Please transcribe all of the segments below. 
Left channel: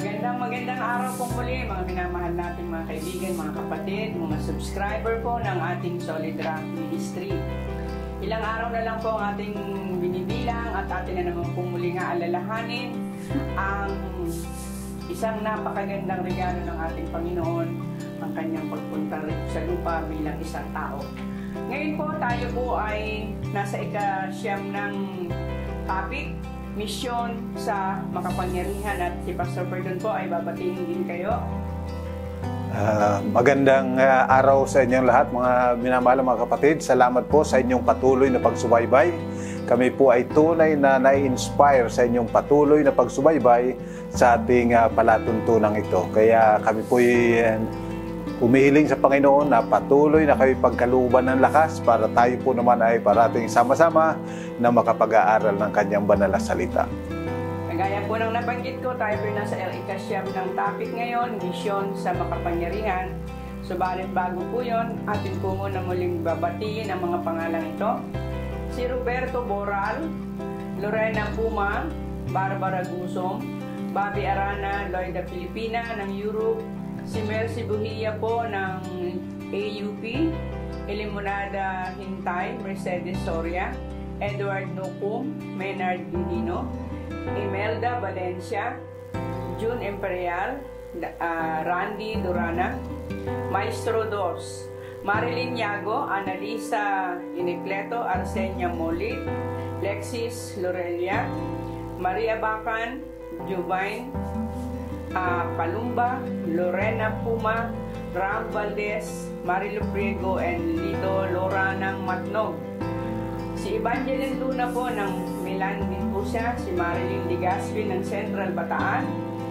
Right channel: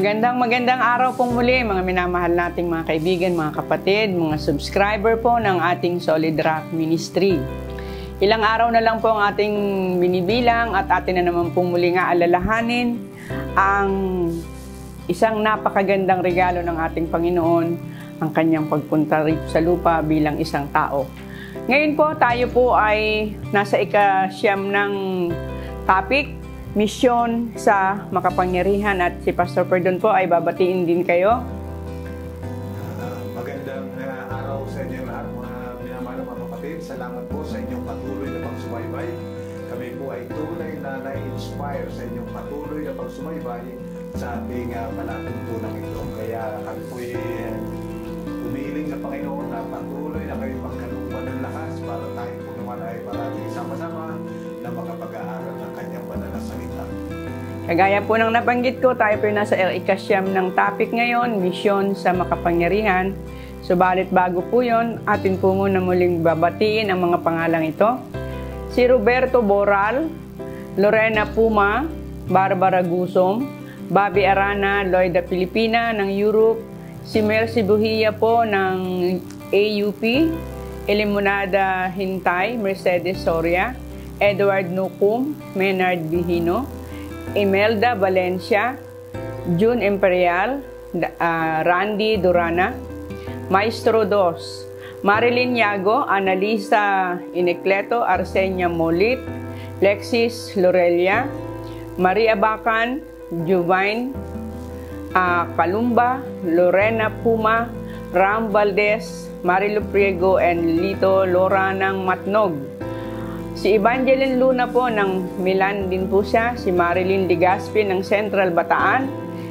Magandang araw pong muli mga minamahal nating mga kaibigan, mga kapatid, mga subscriber po ng ating Solid Rock Ministry. Ilang araw na lang po ang ating binibilang at atin na naman pong muli nga alalahanin ang isang napakagandang regalo ng ating Panginoon, ang kanyang pagpunta rito sa lupa bilang isang tao. Ngayon po tayo po ay nasa ika-siyam ng topic, misyon sa makapangyarihan, at si Pastor Perdon po ay babatiin din kayo. Magandang araw sa inyong lahat mga minamahal mga kapatid. Salamat po sa inyong patuloy na pagsubaybay. Kami po ay tunay na na-inspire sa inyong patuloy na pagsubaybay sa ating palatuntunang ito. Kaya kami po ay umihiling sa Panginoon na patuloy na kayo pagkalooban ng lakas para tayo po naman ay parating sama-sama na makapag-aaral ng kanyang banal na salita. Kagaya po ng nabanggit ko, tayo po nasa ika-siyam ng topic ngayon, misyon sa makapangyarihan. Subalit bago po yun, atin po muna muling babatiin ang mga pangalang ito. Si Roberto Boral, Lorena Puma, Barbara Gusom, Bobby Arana, Lloyda Filipina ng Europe, si Mercy Buhia po ng AUP, Elimonada Hintay, Mercedes Soria, Edward Nukum, Menard Bihino, Imelda Valencia, June Imperial, Randy Durana, Maestro Dos, Marilyn Yago, Analisa Inecleto, Arsenia Molit, Lexis Lorelia, Maria Bacan, Juvine Calumba, Lorena Puma, Ram Valdez, Marilu Priego, and Lito Lora ng Matnog. Si Evangeline Luna po ng Milan din po siya, si Marilyn Ligaspi ng Central Bataan,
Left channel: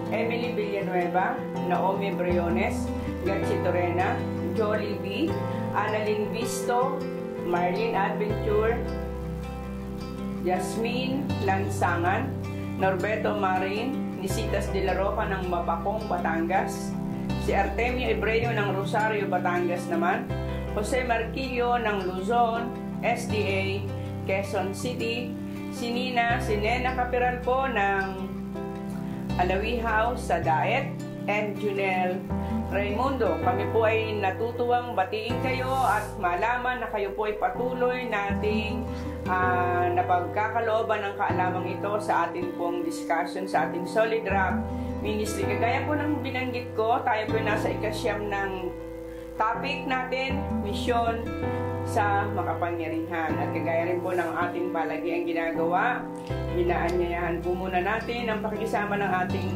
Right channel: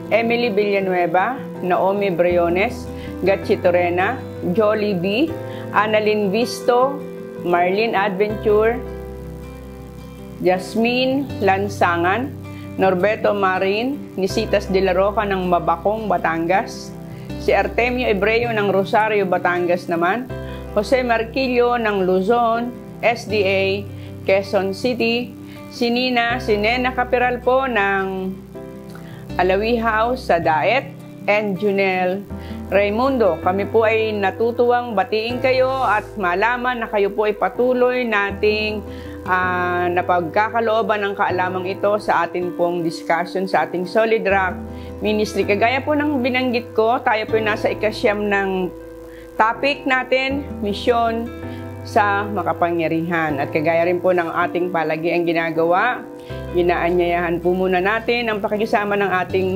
Emily Villanueva, Naomi Briones, Gatsi Torena, Jolie B, Annalyn Visto, Marlene Adventure, Jasmine Lansangan, Norberto Marin, Nisitas de la Roca ng Mabacong, Batangas, si Artemio Ebreo ng Rosario, Batangas naman, Jose Marquillo ng Luzon, SDA, Quezon City, si Nena Capiral po ng Alawi House sa Daet, and Junel Raimundo. Kami po ay natutuwang batiin kayo at malaman na kayo po ay patuloy nating napagkakalooban ng kaalamang ito sa ating pong discussion sa ating Solid Rock Ministry. Kagaya po ng binanggit ko, tayo po nasa ika-siyam ng topic natin, misyon sa makapangyarihan. At kagaya rin po ng ating palagiang ginagawa, inaanyayahan po muna natin ang pakikisama ng ating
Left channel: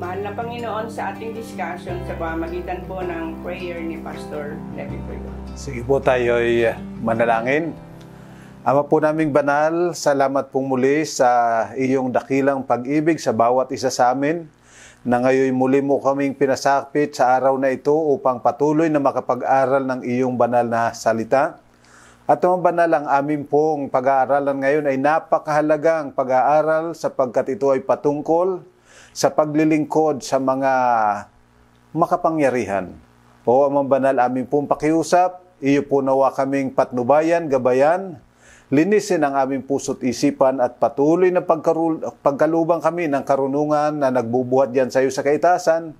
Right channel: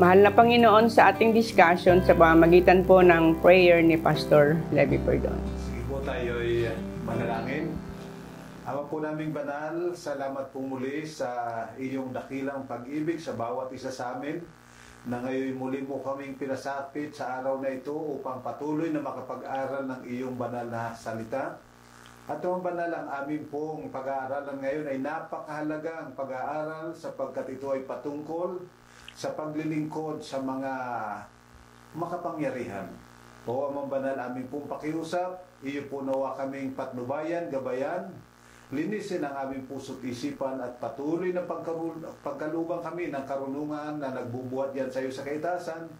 mahal na Panginoon sa ating discussion sa pamamagitan po ng prayer ni Pastor Levi Perdon. Sige po tayo ay manalangin. Ama po naming banal, salamat pong muli sa iyong dakilang pag-ibig sa bawat isa sa amin, na ngayon muli mo kaming pinasakpit sa araw na ito upang patuloy na makapag-aral ng iyong banal na salita. At mga banal, ang amin pong pag-aaralan ngayon ay napakahalagang pag-aaral sapagkat ito ay patungkol sa paglilingkod sa mga makapangyarihan. O Amang Banal, amin pong pakiusap, iyo po nawa kaming patnubayan, gabayan, linisin ang aming puso't isipan at patuloy na pagkalubang kami ng karunungan na nagbubuhat diyan sa iyo sa kaitasan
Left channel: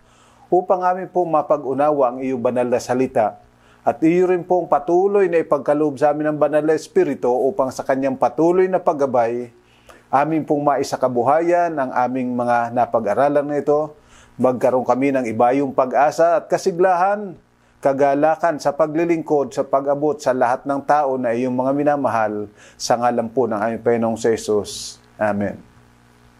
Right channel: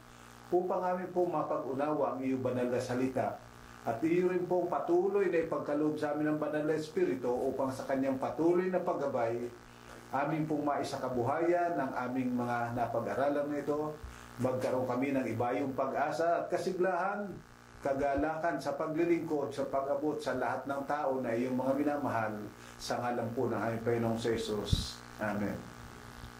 upang amin pong mapag-unawa ang iyong banal na salita. At iyo rin pong patuloy na ipagkaloob sa amin ng banal na Espiritu upang sa kanyang patuloy na paggabay, amin pong maisakabuhayan ang aming mga napag-aralan na ito, magkaroon kami ng ibayong pag-asa at kasiglahan, kagalakan sa paglilingkod, sa pag-abot sa lahat ng tao na iyong mga minamahal, sa ngalan po ng aming Panginoong Jesus. Amen.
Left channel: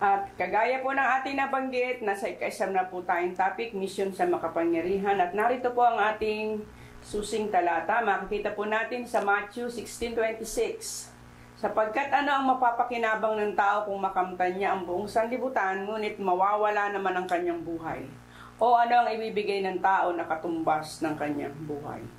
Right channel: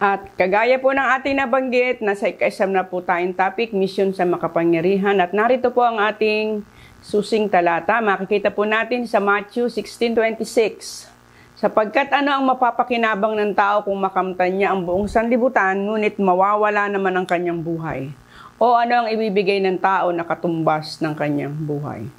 At kagaya po ng ating nabanggit, nasa ika-siyam na po tayong topic, misyon sa makapangyarihan. At narito po ang ating susing talata. Makikita po natin sa Matthew 16:26. Sapagkat ano ang mapapakinabang ng tao kung makamtan niya ang buong sanlibutan, ngunit mawawala naman ang kanyang buhay? O ano ang ibibigay ng tao na katumbas ng kanyang buhay?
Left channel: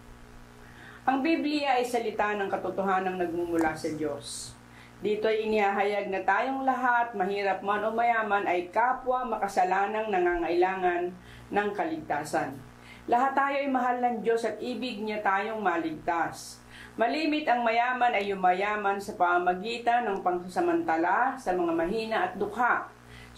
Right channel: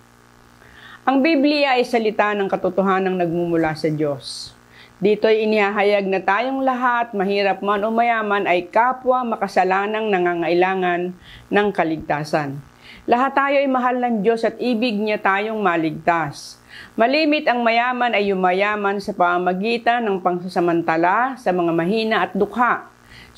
Ang Biblia ay salita ng katotohanang nagmumula sa Diyos. Dito ay inihahayag na tayong lahat, mahirap man o mayaman, ay kapwa makasalanang nangangailangan ng kaligtasan. Lahat tayo ay mahal ng Diyos at ibig niya tayong maligtas. Malimit ang mayaman ay yumayaman sa pamamagitan ng pangsasamantala sa mga mahina at dukha.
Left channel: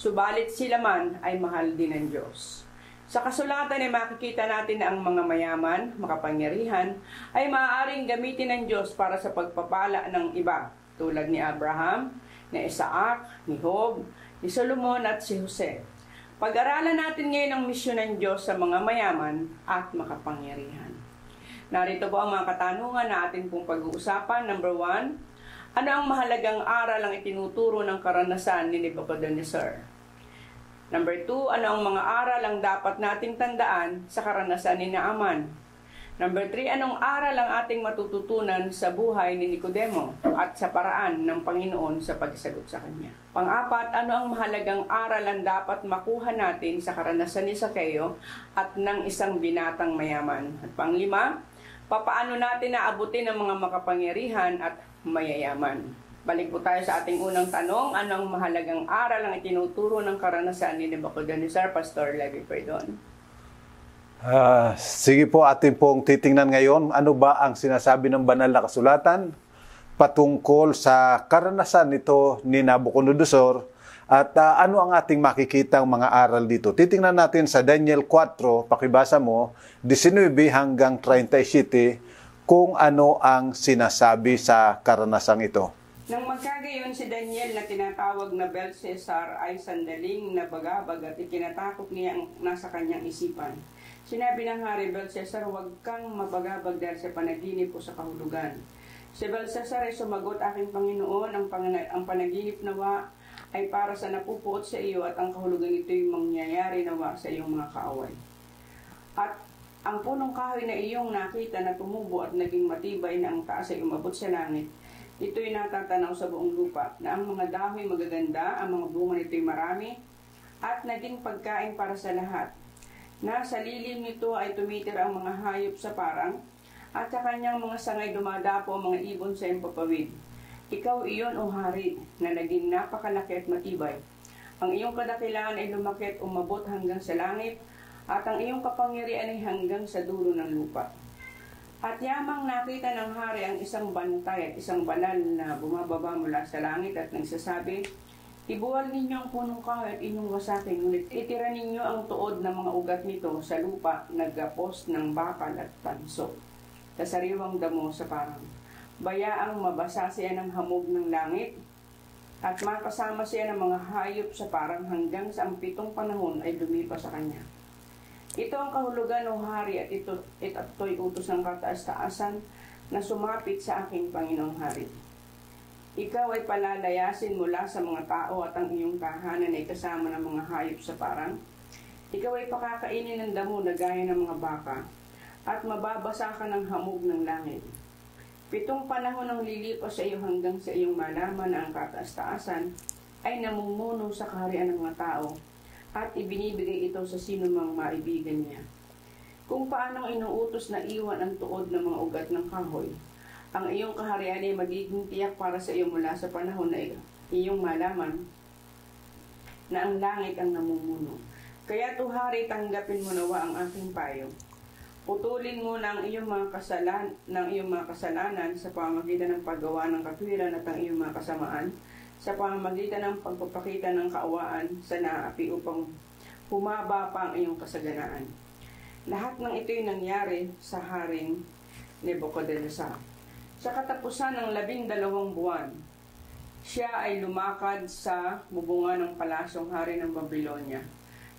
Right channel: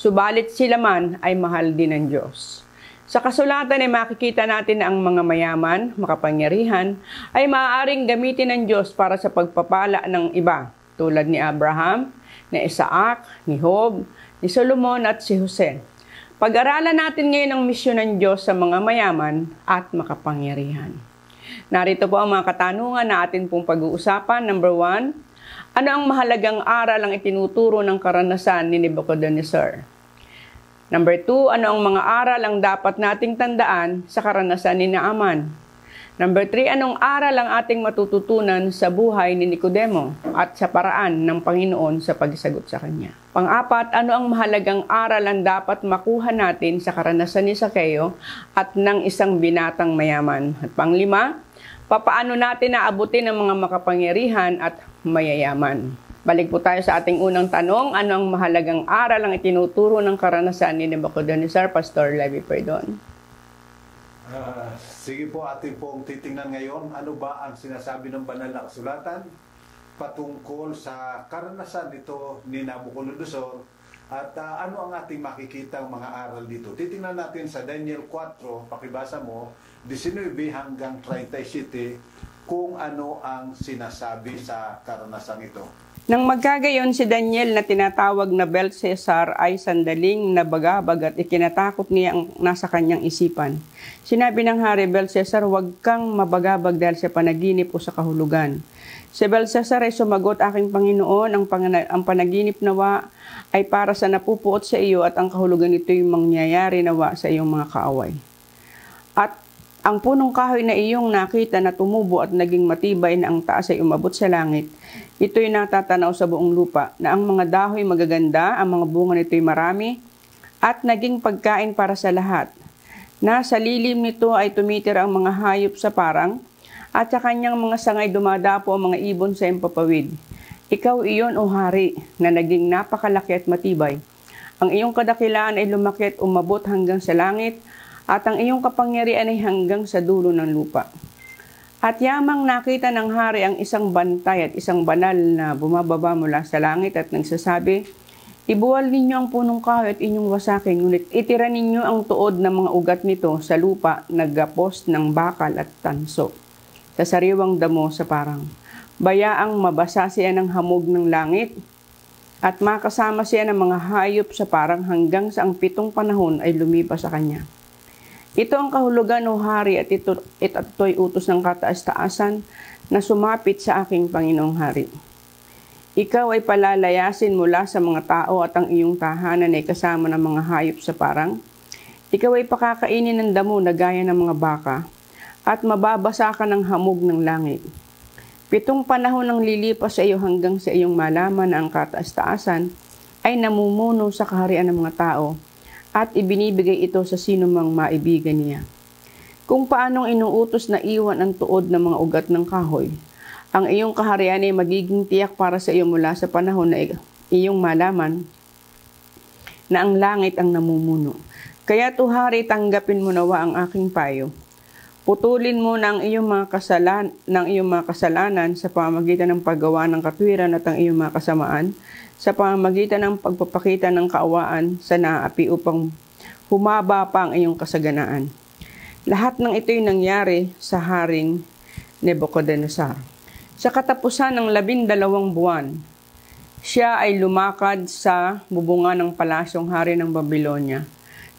subalit sila man ay mahal din ng Diyos. Sa kasulatan ay makikita natin na ang mga mayaman, makapangyarihan, ay maaaring gamitin ng Diyos para sa pagpapala ng iba, tulad ni Abraham, ni Isaac, ni Job, ni Solomon at si Jose. Pag-aralan natin ngayon ang misyon ng Diyos sa mga mayaman at makapangyarihan. Narito po ang mga katanungan na atin pong pag-uusapan. Number 1, ano ang mahalagang aral ang itinuturo ng karanasan ni Nebuchadnezzar? Number 2, ano ang mga aral ang dapat nating tandaan sa karanasan ni Naaman? Number 3, anong aral ang ating matututunan sa buhay ni Nicodemo at sa paraan ng Panginoon sa pagsagot sa kanya? Pang-apat, ano ang mahalagang aral ang dapat makuha natin sa karanasan ni Sakeo at ng isang binatang mayaman? At pang-lima, papaano natin naabutin ang mga makapangyarihan at mayayaman? Balik po tayo sa ating unang tanong, ano ang mahalagang aral ang itinuturo ng karanasan ni Nebuchadnezzar? Pastor Levi Perdon. Sige po, atin pong titingnan ngayon, ano ba ang sinasabi ng banal na kasulatan patungkol sa karanasan nito ni Nabucodonosor at ano ang ating makikitang mga aral dito. Titingnan natin sa Daniel 4, pakibasa mo, 19 hanggang 37, kung ano ang sinasabi sa karanasang ito. Nang magkagayon si Daniel na tinatawag na Belteshazzar ay sandaling nabagabag at ikinatakot niya ang nasa kanyang isipan. Sinabi ng hari, Belteshazzar, huwag kang mabagabag dahil sa panaginip o sa kahulugan. Si Belteshazzar ay sumagot, aking Panginoon, ang panaginip nawa ay para sa napupuot sa iyo at ang kahulugan nito'y mangyayari nawa sa iyong mga kaaway. At ang punong kahoy na iyong nakita na tumubo at naging matibay na ang taas ay umabot sa langit, ito'y natatanaw sa buong lupa na ang mga dahon magaganda, ang mga bunga nito'y marami, at naging pagkain para sa lahat. Nasa lilim nito ay tumitira ang mga hayop sa parang, at sa kanyang mga sangay dumadapo ang mga ibon sa impapawid. Ikaw iyon, o hari, na naging napakalaki at matibay. Ang iyong kadakilaan ay lumaki at umabot hanggang sa langit, at ang iyong kapangyarihan ay hanggang sa dulo ng lupa. At yamang nakita ng hari ang isang bantay at isang banal na bumababa mula sa langit at nagsasabi, ibuwal ninyo ang punong kahoy at inyong wasakin, ngunit itira ninyo ang tuod ng mga ugat nito sa lupa na gapos ng bakal at tanso, sa sariwang damo sa parang. Bayaang mabasa siya ng hamog ng langit, at makasama siya ng mga hayop sa parang hanggang sa ang 7 panahon ay lumipas sa kanya. Ito ang kahulugan, o hari, at ito'y utos ng kataas-taasan na sumapit sa aking Panginoong Hari. Ikaw ay palalayasin mula sa mga tao at ang iyong tahanan ay kasama ng mga hayop sa parang. Ikaw ay pakakainin ng damo na gaya ng mga baka at mababasa ka ng hamog ng langit. 7 panahon ang lilipas sa iyo hanggang sa iyong malaman na ang kataas-taasan ay namumuno sa kaharian ng mga tao at ibinibigay ito sa sino mang maibigan niya. Kung paanong inuutos na iwan ang tuod ng mga ugat ng kahoy, ang iyong kaharian ay magiging tiyak para sa iyo mula sa panahon na iyong malaman na ang langit ang namumuno. Kaya hari, tanggapin mo nawa ang aking payo. Putulin mo na ang iyong mga kasalanan sa pamamagitan ng paggawa ng katwiran at ang iyong mga kasamaan, sa pamamagitan ng pagpapakita ng kaawaan sa naapi upang humaba pa ang iyong kasaganaan. Lahat ng ito'y nangyari sa Haring Nebuchadnezzar. Sa katapusan ng 12 buwan, siya ay lumakad sa bubungan ng palasyong hari ng Babylonia.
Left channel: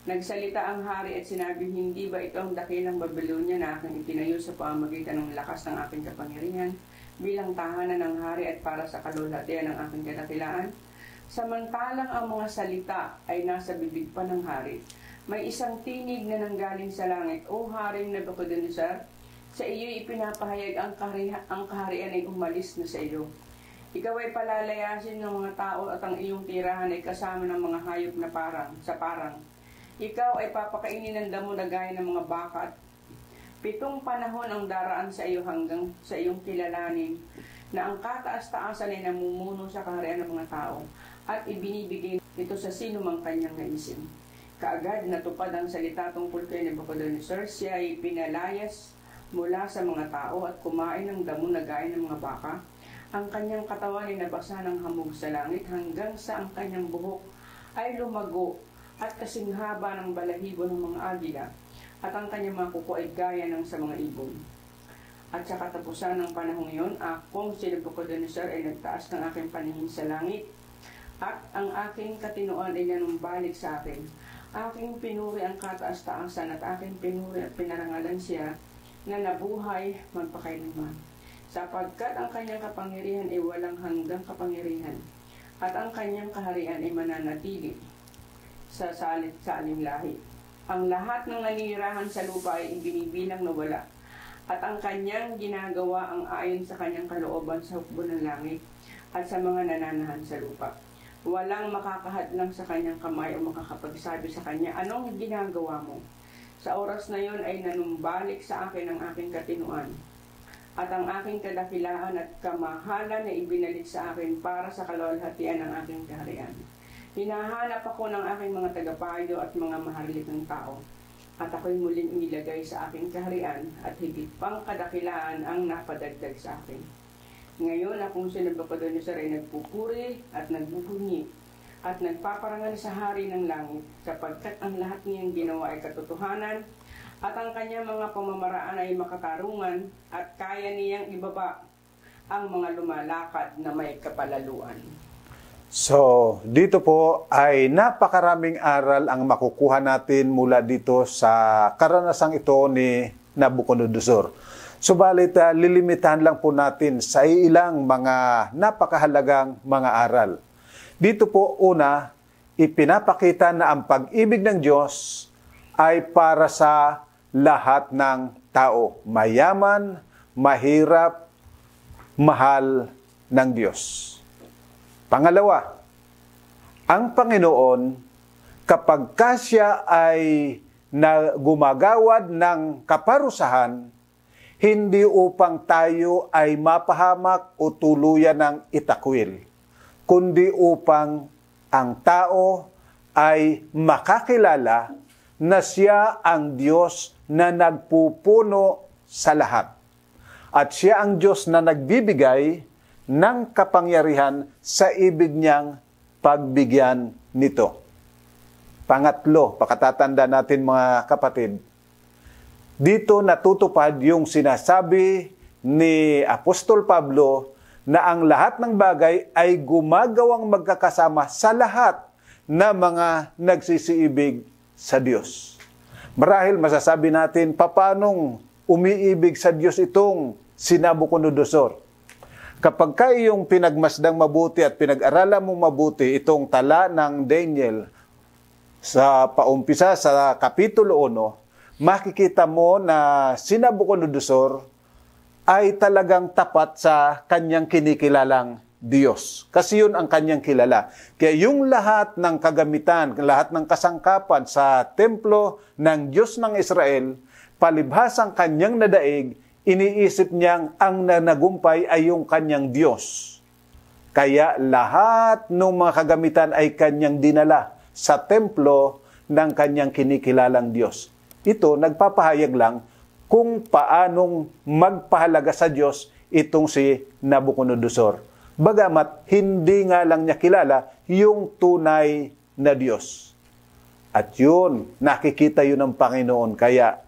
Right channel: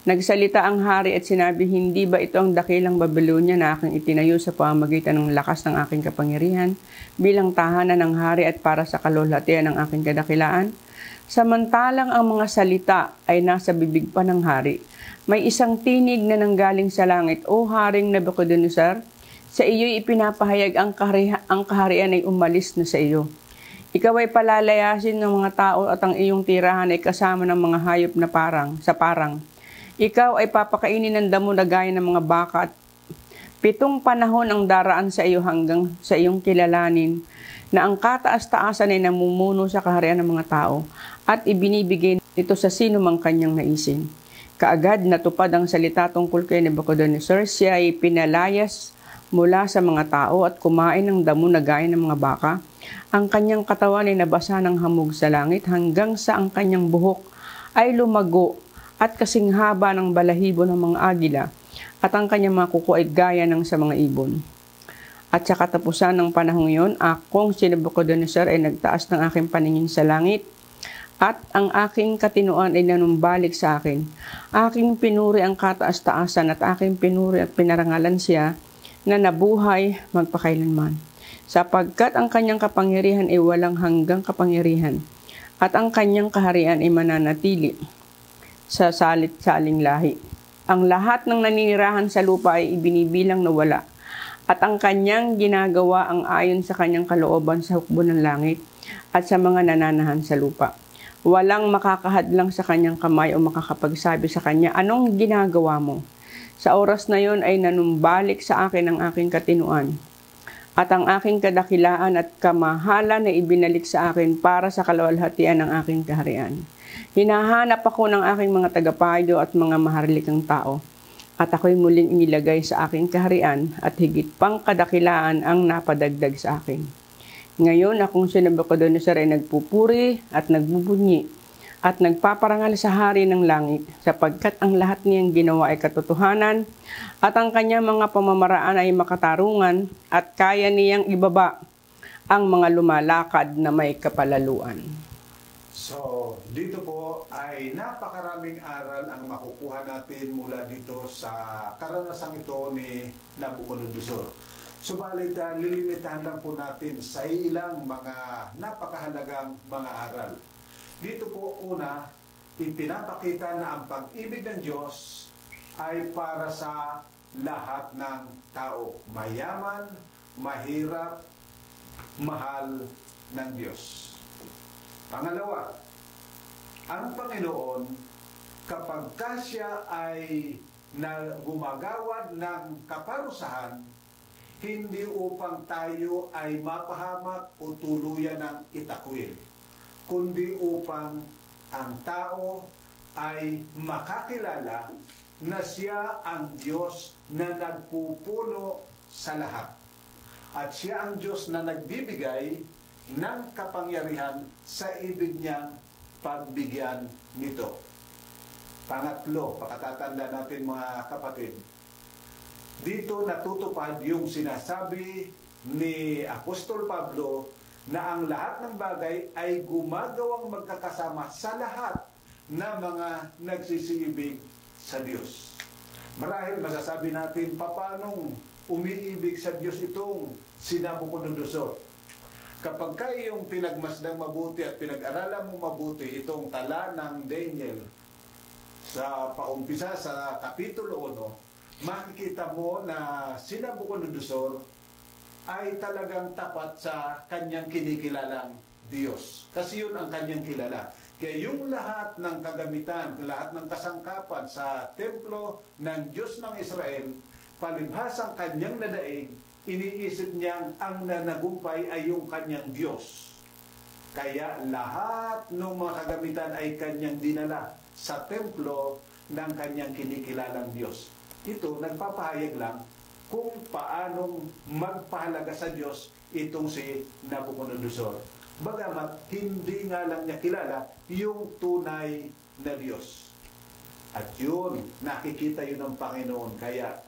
Nagsalita ang hari at sinabi, hindi ba ito ang dakilang Babylonia na aking itinayo sa pamamagitan ng lakas ng aking kapangyarihan bilang tahanan ng hari at para sa kalulhatian ng aking kadakilaan? Samantalang ang mga salita ay nasa bibig pa ng hari, may isang tinig na nanggaling sa langit, O Haring Nebuchadnezzar, sa iyo'y ipinapahayag ang kaharian ay umalis na sa iyo. Ikaw ay palalayasin ng mga tao at ang iyong tirahan ay kasama ng mga hayop na sa parang. Ikaw ay papakainin ng damo na gaya ng mga baka at 7 panahon ang daraan sa iyo hanggang sa iyong kilalanin na ang kataas-taasan ay namumuno sa kaharian ng mga tao at ibinibigay ito sa sino mang kanyang naisin. Kaagad natupad ang salita tungkol kay Nebuchadnezzar, siya ay pinalayas mula sa mga tao at kumain ng damo na gaya ng mga baka. Ang kanyang katawan ay nabasa ng hamog sa langit hanggang sa ang kanyang buhok ay lumago at kasing haba ng balahibo ng mga agila, at ang kanyang mga kuko ay gaya ng sa mga ibon. At sa katapusan ng panahong iyon, akong si Nabucodonosor ay nagtaas ng aking paningin sa langit, at ang aking katinuan ay nanumbalik sa akin. Aking pinuri ang kataas-taasan at aking pinuri at pinarangalan siya na nabuhay magpakailanman. Sapagkat ang kanyang kapangyarihan ay walang hanggang kapangyarihan, at ang kanyang kaharian ay mananatili sa salit-saling lahi. Ang lahat ng naninirahan sa lupa ay ibinibilang na wala, at ang kanyang ginagawa ang ayon sa kanyang kalooban sa hukbo ng langit at sa mga nananahan sa lupa. Walang makakahadlang sa kanyang kamay o makakapagsabi sa kanya, anong ginagawa mo? Sa oras na yon ay nanumbalik sa akin ang aking katinuan, at ang aking kadakilaan at kamahalan na ibinalik sa akin para sa kaluwalhatian ng aking kaharian. Hinahanap ako ng aking mga tagapayo at mga maharlikang tao, at ako'y muling inilagay sa aking kaharian, at higit pang kadakilaan ang napadagdag sa akin. Ngayon, akong si Nabucodonosor ay nagpupuri at nagbubunyi at nagpaparangal sa hari ng langit, sapagkat ang lahat niyang ginawa ay katotohanan, at ang kanyang mga pamamaraan ay makatarungan, at kaya niyang ibaba ang mga lumalakad na may kapalaluan. So, dito po ay napakaraming aral ang makukuha natin mula dito sa karanasang ito ni Nabucodonosor. Subalit, lilimitahan lang po natin sa ilang mga napakahalagang mga aral. Dito po, una, ipinapakita na ang pag-ibig ng Diyos ay para sa lahat ng tao. Mayaman, mahirap, mahal ng Diyos. Pangalawa, ang Panginoon, kapag siya ay gumagawad ng kaparusahan, hindi upang tayo ay mapahamak o tuluyan ng itakwil, kundi upang ang tao ay makakilala na siya ang Diyos na nagpupuno sa lahat. At siya ang Diyos na nagbibigay ng kapangyarihan sa ibig niyang pagbigyan nito. Pangatlo, pakatatanda natin mga kapatid, dito natutupad yung sinasabi ni Apostol Pablo na ang lahat ng bagay ay gumagawang magkakasama sa lahat na mga nagsisiibig sa Diyos. Marahil masasabi natin, papanong umiibig sa Diyos itong si Nabucodonosor? Kapag iyong pinagmasdang mabuti at pinag-aralan mong mabuti itong tala ng Daniel sa paumpisa sa Kapitulo 1, makikita mo na si Nabucodonosor ay talagang tapat sa kanyang kinikilalang Diyos. Kasi yun ang kanyang kilala. Kaya yung lahat ng kagamitan, lahat ng kasangkapan sa templo ng Diyos ng Israel, palibhasang kanyang nadaig, iniisip niyang ang nanagumpay ay yung kanyang Diyos. Kaya lahat ng mga kagamitan ay kanyang dinala sa templo ng kanyang kinikilalang Diyos. Ito, nagpapahayag lang kung paanong magpahalaga sa Diyos itong si Nabucodonosor. Bagamat hindi nga lang niya kilala yung tunay na Diyos. At yun, nakikita yun ng Panginoon. Kaya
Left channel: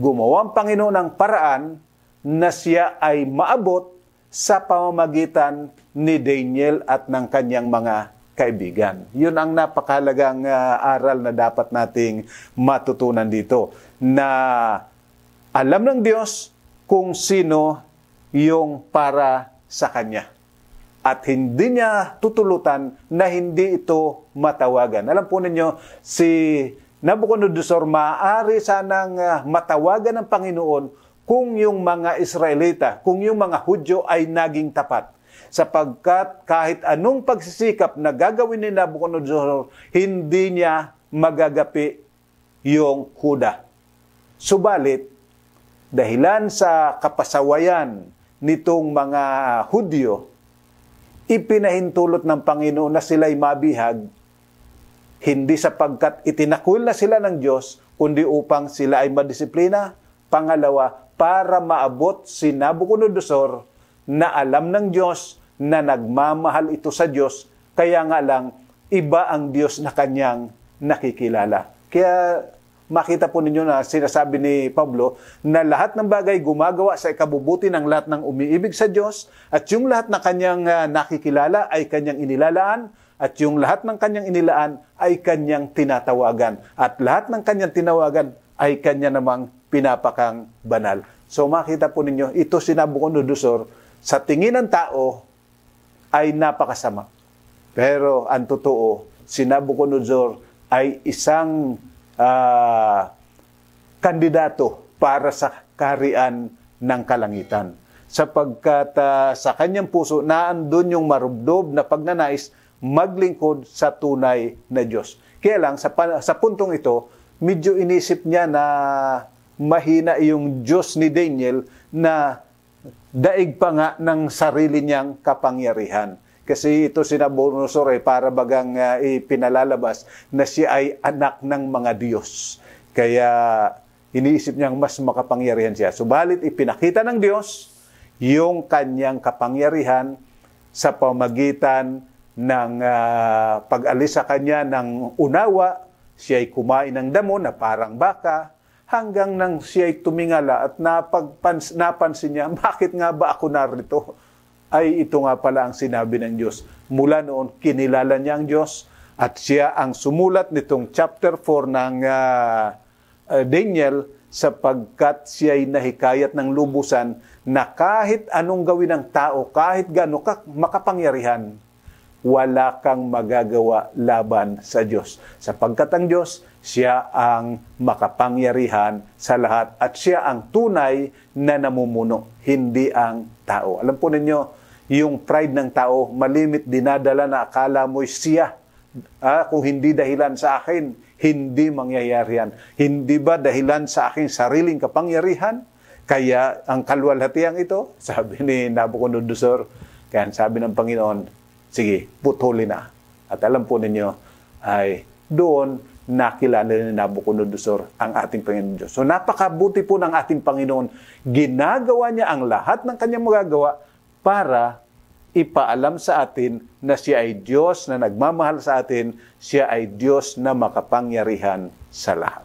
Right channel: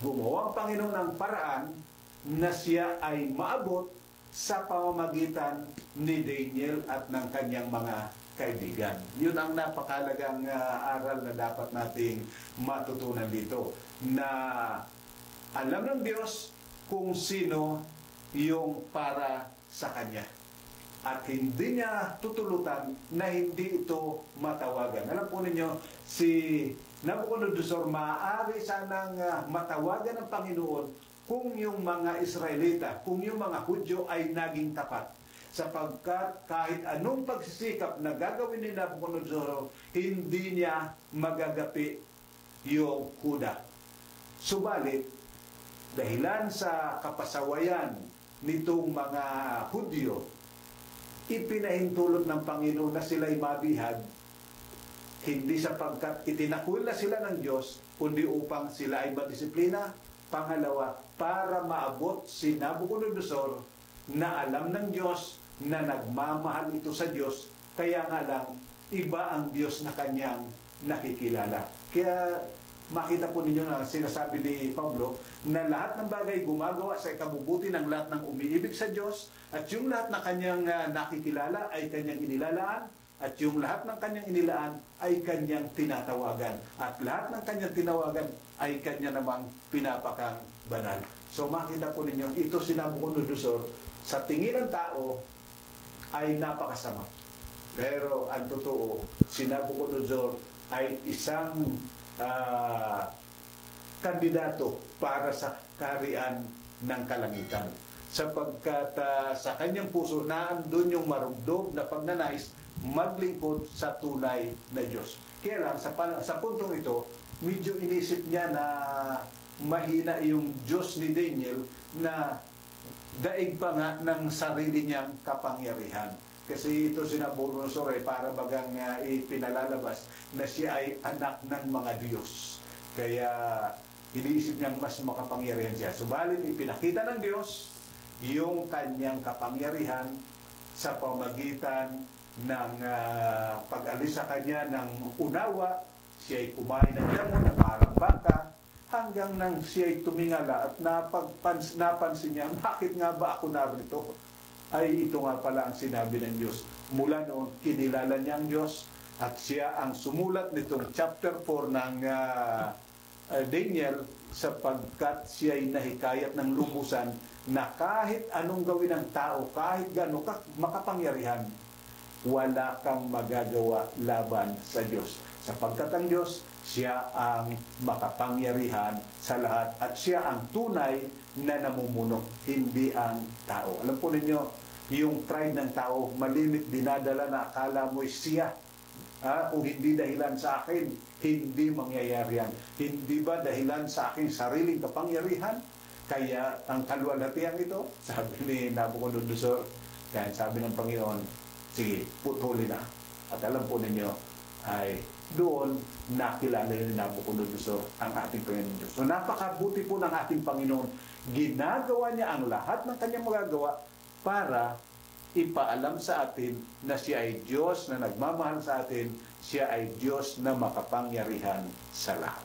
gumawa ang Panginoon ng paraan na siya ay maabot sa pamamagitan ni Daniel at ng kanyang mga kaibigan. Yun ang napakahalagang aral na dapat nating matutunan dito. Na alam ng Diyos kung sino yung para sa Kanya. At hindi niya tutulutan na hindi ito matawagan. Alam po ninyo, si Nabucodonosor maaari sanang matawagan ng Panginoon kung yung mga Israelita, kung yung mga Hudyo ay naging tapat. Sapagkat kahit anong pagsisikap na gagawin ni Nabucodonosor, hindi niya magagapi yung Huda. Subalit, dahilan sa kapasawayan nitong mga Hudyo, ipinahintulot ng Panginoon na sila'y mabihag, hindi sapagkat itinakwil na sila ng Diyos, kundi upang sila ay madisiplina. Pangalawa, para maabot si Nabucodonosor na alam ng Diyos na nagmamahal ito sa Diyos, kaya nga lang iba ang Diyos na kanyang nakikilala. Kaya makita po ninyo na sinasabi ni Pablo na lahat ng bagay gumagawa sa ikabubuti ng lahat ng umiibig sa Diyos at yung lahat na kanyang nakikilala ay kanyang inilalaan at yung lahat ng kanyang inilaan ay kanyang tinatawagan at lahat ng kanyang tinawagan ay kanya namang pinapakang banal. So makita po ninyo, ito si Nabucodonosor sa tingin ng tao ay napakasama. Pero ang totoo, si Nabucodonosor ay isang kandidato para sa kaharian ng kalangitan. Sapagkat sa kanyang puso, naandun yung marubdob na pagnanais maglingkod sa tunay na Diyos. Kaya lang, sa puntong ito, medyo inisip niya na mahina yung Diyos ni Daniel na daig pa nga ng sarili niyang kapangyarihan. Kasi ito si Nabucodonosor para bagang ipinalalabas na siya ay anak ng mga Diyos. Kaya iniisip niyang mas makapangyarihan siya. Subalit ipinakita ng Diyos yung kanyang kapangyarihan sa pamagitan ng pag-alis sa kanya ng unawa. Siya ay kumain ng damo na parang baka hanggang nang siya ay tumingala at napansin niya, bakit nga ba ako narito? Ay ito nga pala ang sinabi ng Diyos. Mula noon, kinilala niya ang Diyos at siya ang sumulat nitong chapter 4 ng Daniel sapagkat siya ay nahikayat ng lubusan na kahit anong gawin ng tao, kahit gaano makapangyarihan, wala kang magagawa laban sa Diyos. Sapagkat ang Diyos, siya ang makapangyarihan sa lahat at siya ang tunay na namumuno, hindi ang tao. Alam po ninyo, yung pride ng tao, malimit dinadala na akala mo'y siya. Kung hindi dahilan sa akin, hindi mangyayari yan. Hindi ba dahilan sa aking sariling kapangyarihan? Kaya ang kaluwalhatiang ito, sabi ni Nabucodonosor, kaya sabi ng Panginoon, sige, putulin na. At alam po ninyo, ay doon nakilala ni Nabucodonosor ang ating Panginoon Diyos. So napakabuti po ng ating Panginoon. Ginagawa niya ang lahat ng kanyang magagawa para ipaalam sa atin na siya ay Diyos na nagmamahal sa atin, siya ay Diyos na makapangyarihan sa lahat.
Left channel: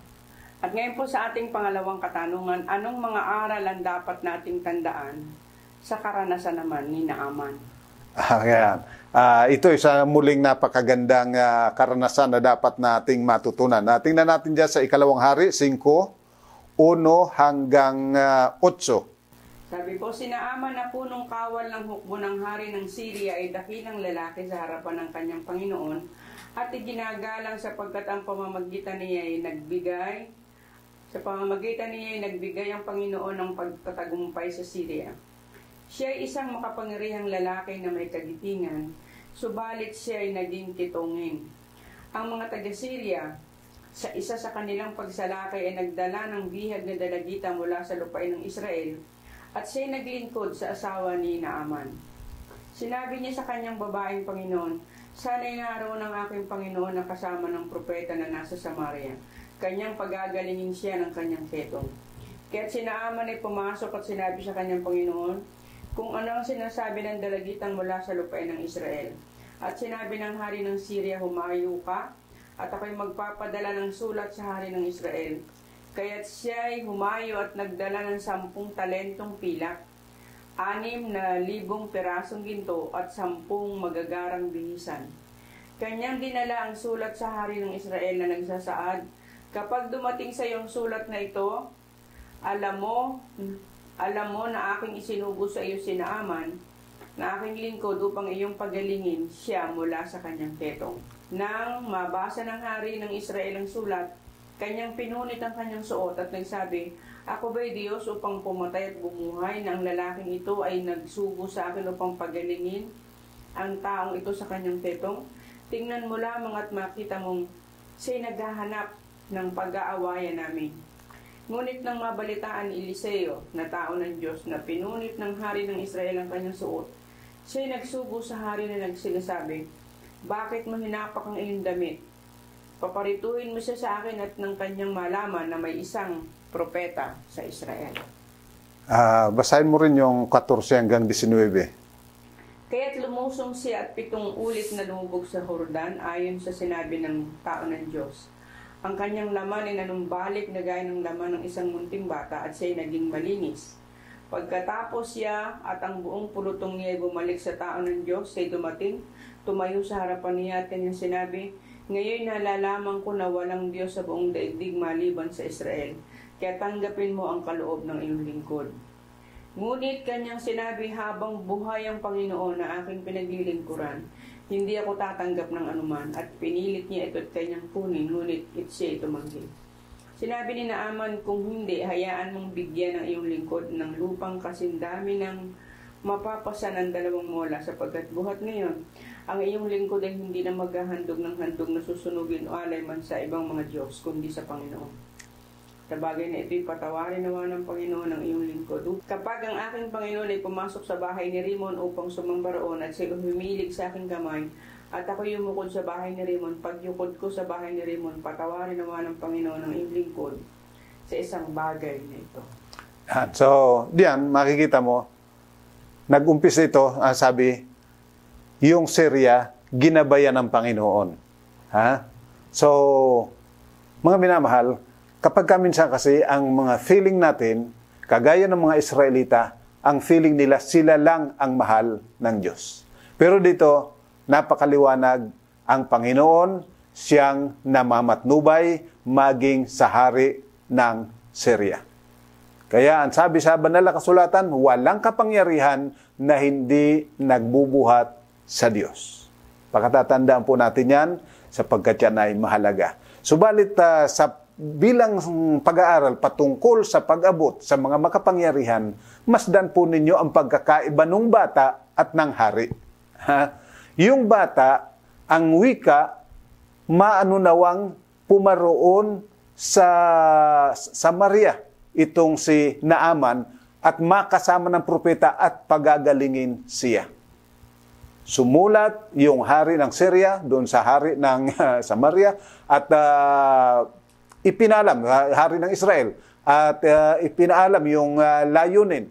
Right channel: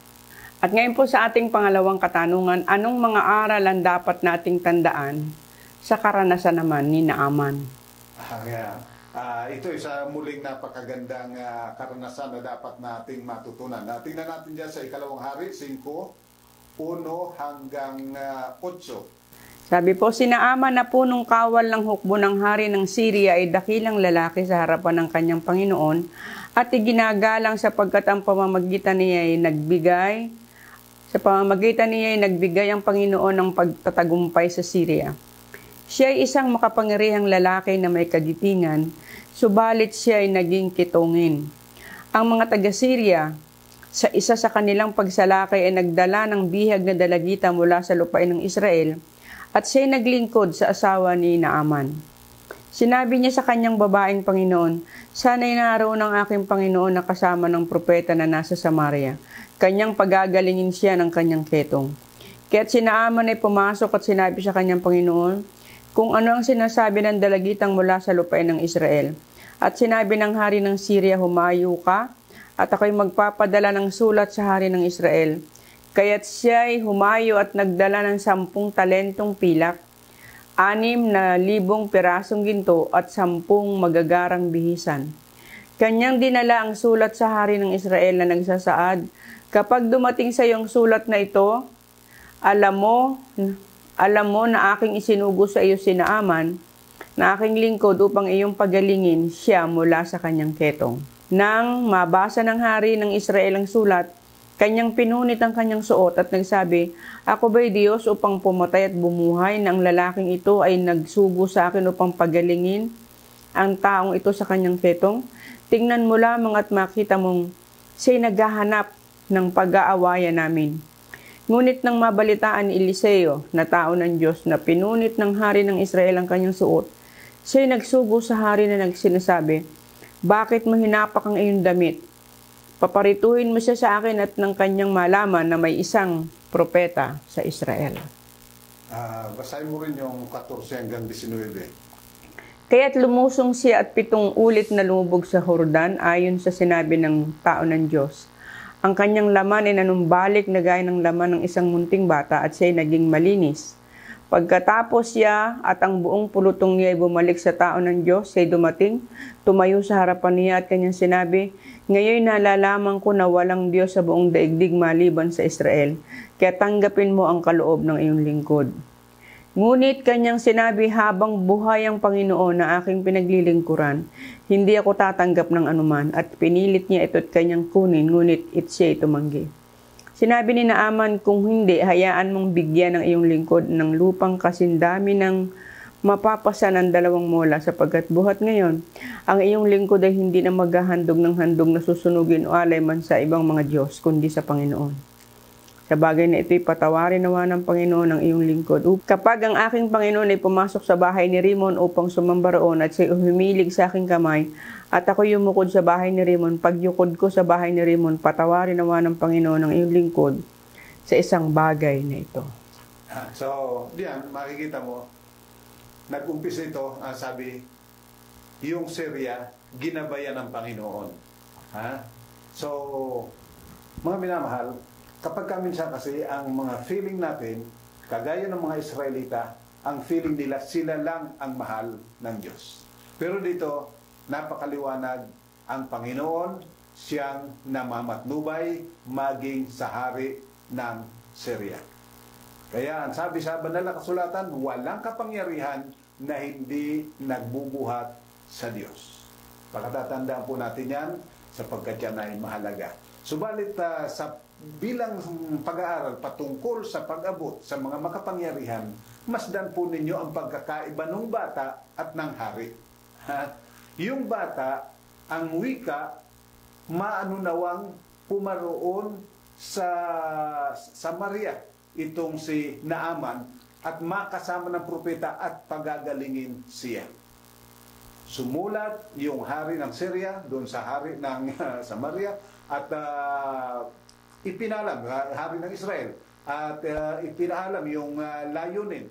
At ngayon po sa ating pangalawang katanungan, anong mga aral ang dapat nating tandaan sa karanasan naman ni Naaman? Ito isa muling napakagandang karanasan na dapat nating matutunan. Tingnan natin dyan sa ikalawang hari, 5:1 hanggang 8. Sabi po, si Naaman na punong kawal ng hukbo ng hari ng Syria ay dakilang lalaki sa harapan ng kanyang Panginoon at iginagalang sapagkat ang pamamagitan niya ay nagbigay ang Panginoon ng pagtatagumpay sa Syria. Siya ay isang makapangyarihang lalaki na may kagitingan, subalit siya ay naging kitungin. Ang mga taga-Syria, sa isa sa kanilang pagsalakay ay nagdala ng bihag na dalagita mula sa lupain ng Israel, at siya'y naglingkod sa asawa ni Naaman. Sinabi niya sa kanyang babaeng Panginoon, sana'y naroon ang aking Panginoon na kasama ng propeta na nasa Samaria. Kanyang pagagalingin siya ng kanyang ketong. Kaya't si Naaman ay pumasok at sinabi sa kanyang Panginoon, kung ano ang sinasabi ng dalagitang mula sa lupain ng Israel. At sinabi ng hari ng Syria, humayo ka, at ako'y magpapadala ng sulat sa hari ng Israel. Kaya't siya'y humayo at nagdala ng 10 talentong pilak, 6,000 pirasong ginto at 10 magagarang bihisan. Kanyang dinala ang sulat sa hari ng Israel na nagsasaad, kapag dumating sa iyong sulat na ito, alam mo na aking isinugo sa iyo si Naaman, na aking lingkod upang iyong pagalingin siya mula sa kanyang ketong. Nang mabasa ng hari ng Israel ang sulat, kanyang pinunit ang kanyang suot at nagsabi, ako ba'y Diyos upang pumatay at bumuhay na ang lalaking ito ay nagsugo sa akin upang pagalingin ang taong ito sa kanyang ketong? Tingnan mo lamang at makita mong siya'y naghahanap ng pag-aawayan namin. Ngunit nang mabalitaan ni Eliseo na tao ng Diyos na pinunit ng hari ng Israel ang kanyang suot, siya'y nagsugo sa hari na nagsinasabi, bakit mo hinapak ang iyong damit? Paparituhin mo siya sa akin at ng kanyang malaman na may isang propeta sa Israel. Basahin mo rin yung 14 hanggang 19. Kaya't lumusong siya at 7 ulit na lumubog sa Jordan ayon sa sinabi ng tao ng Diyos. Ang kanyang laman ay nanumbalik na gaya ng laman ng isang munting bata at siya ay naging malinis. Pagkatapos siya at ang buong pulutong niya ay bumalik sa tao ng Diyos, siya ay dumating, tumayo sa harapan niya at kanyang sinabi, "Ngayon nalalaman ko na walang Diyos sa buong daigdig maliban sa Israel, kaya tanggapin mo ang kaloob ng iyong lingkod." Ngunit kanyang sinabi, "Habang buhay ang Panginoon na aking pinaglilingkuran, hindi ako tatanggap ng anuman." At pinilit niya ito't kanyang kunin, ngunit siya'y tumanggi. Sinabi ni Naaman, "Kung hindi, hayaan mong bigyan ng iyong lingkod ng lupang kasindami ng mapapasa ng 2 mola, sapagkat buhat ngayon, ang iyong lingkod ay hindi na maghahandog ng handog na susunugin o alay man sa ibang mga Diyos, kundi sa Panginoon. Sa bagay na ito'y patawarin nawa ng Panginoon ang iyong lingkod. Kapag ang aking Panginoon ay pumasok sa bahay ni Rimon upang sumamba roon at siya'y humilig sa aking kamay, at ako yumukod sa bahay ni Rimon, pagyukod ko sa bahay ni Rimon, patawarin nawa ng Panginoon ang iyong lingkod sa isang bagay na ito." So, diyan, makikita mo, nag-umpisa ito, sabi, yung Syria, ginabayan ng Panginoon. So, mga minamahal, kapag minsan kasi ang mga feeling natin, kagaya ng mga Israelita, ang feeling nila sila lang ang mahal ng Diyos. Pero dito, napakaliwanag, ang Panginoon siyang namamatnubay maging sa hari ng Syria. Kaya ang sabi sa banal na kasulatan, walang kapangyarihan na hindi nagbubuhat sa Diyos. Pagkatatandaan po natin yan sapagkat yan ay mahalaga. Subalit sa bilang pag-aaral patungkol sa pag-abot sa mga makapangyarihan, masdan po ninyo ang pagkakaiba ng bata at ng hari. Yung bata, ang wika, maanunawang pumaroon sa Samaria, itong si Naaman, at makasama ng propeta at pagagalingin siya. Sumulat yung hari ng Syria doon sa hari ng Samaria at ipinalam, hari ng Israel, at ipinaalam yung layunin.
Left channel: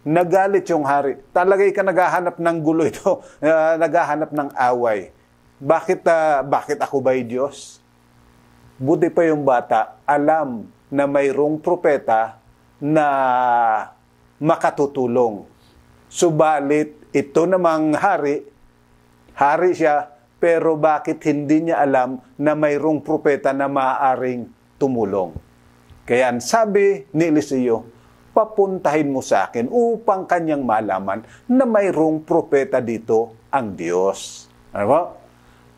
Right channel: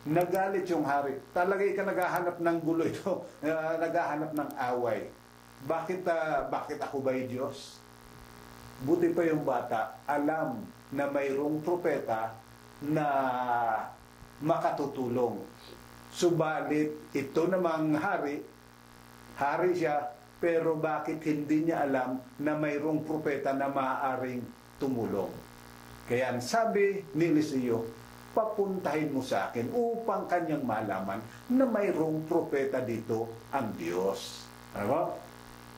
Nagalit yung hari. Talagay ka naghahanap ng gulo ito, naghahanap ng away. Bakit ako ba'y Diyos? Buti pa yung bata, alam na mayroong propeta na makatutulong. Subalit, ito namang hari siya, pero bakit hindi niya alam na mayroong propeta na maaaring tumulong? Kaya ang sabi ni Eliseo, papuntahin mo sa akin upang kanyang malaman na mayroong propeta dito ang Diyos. Ano ba?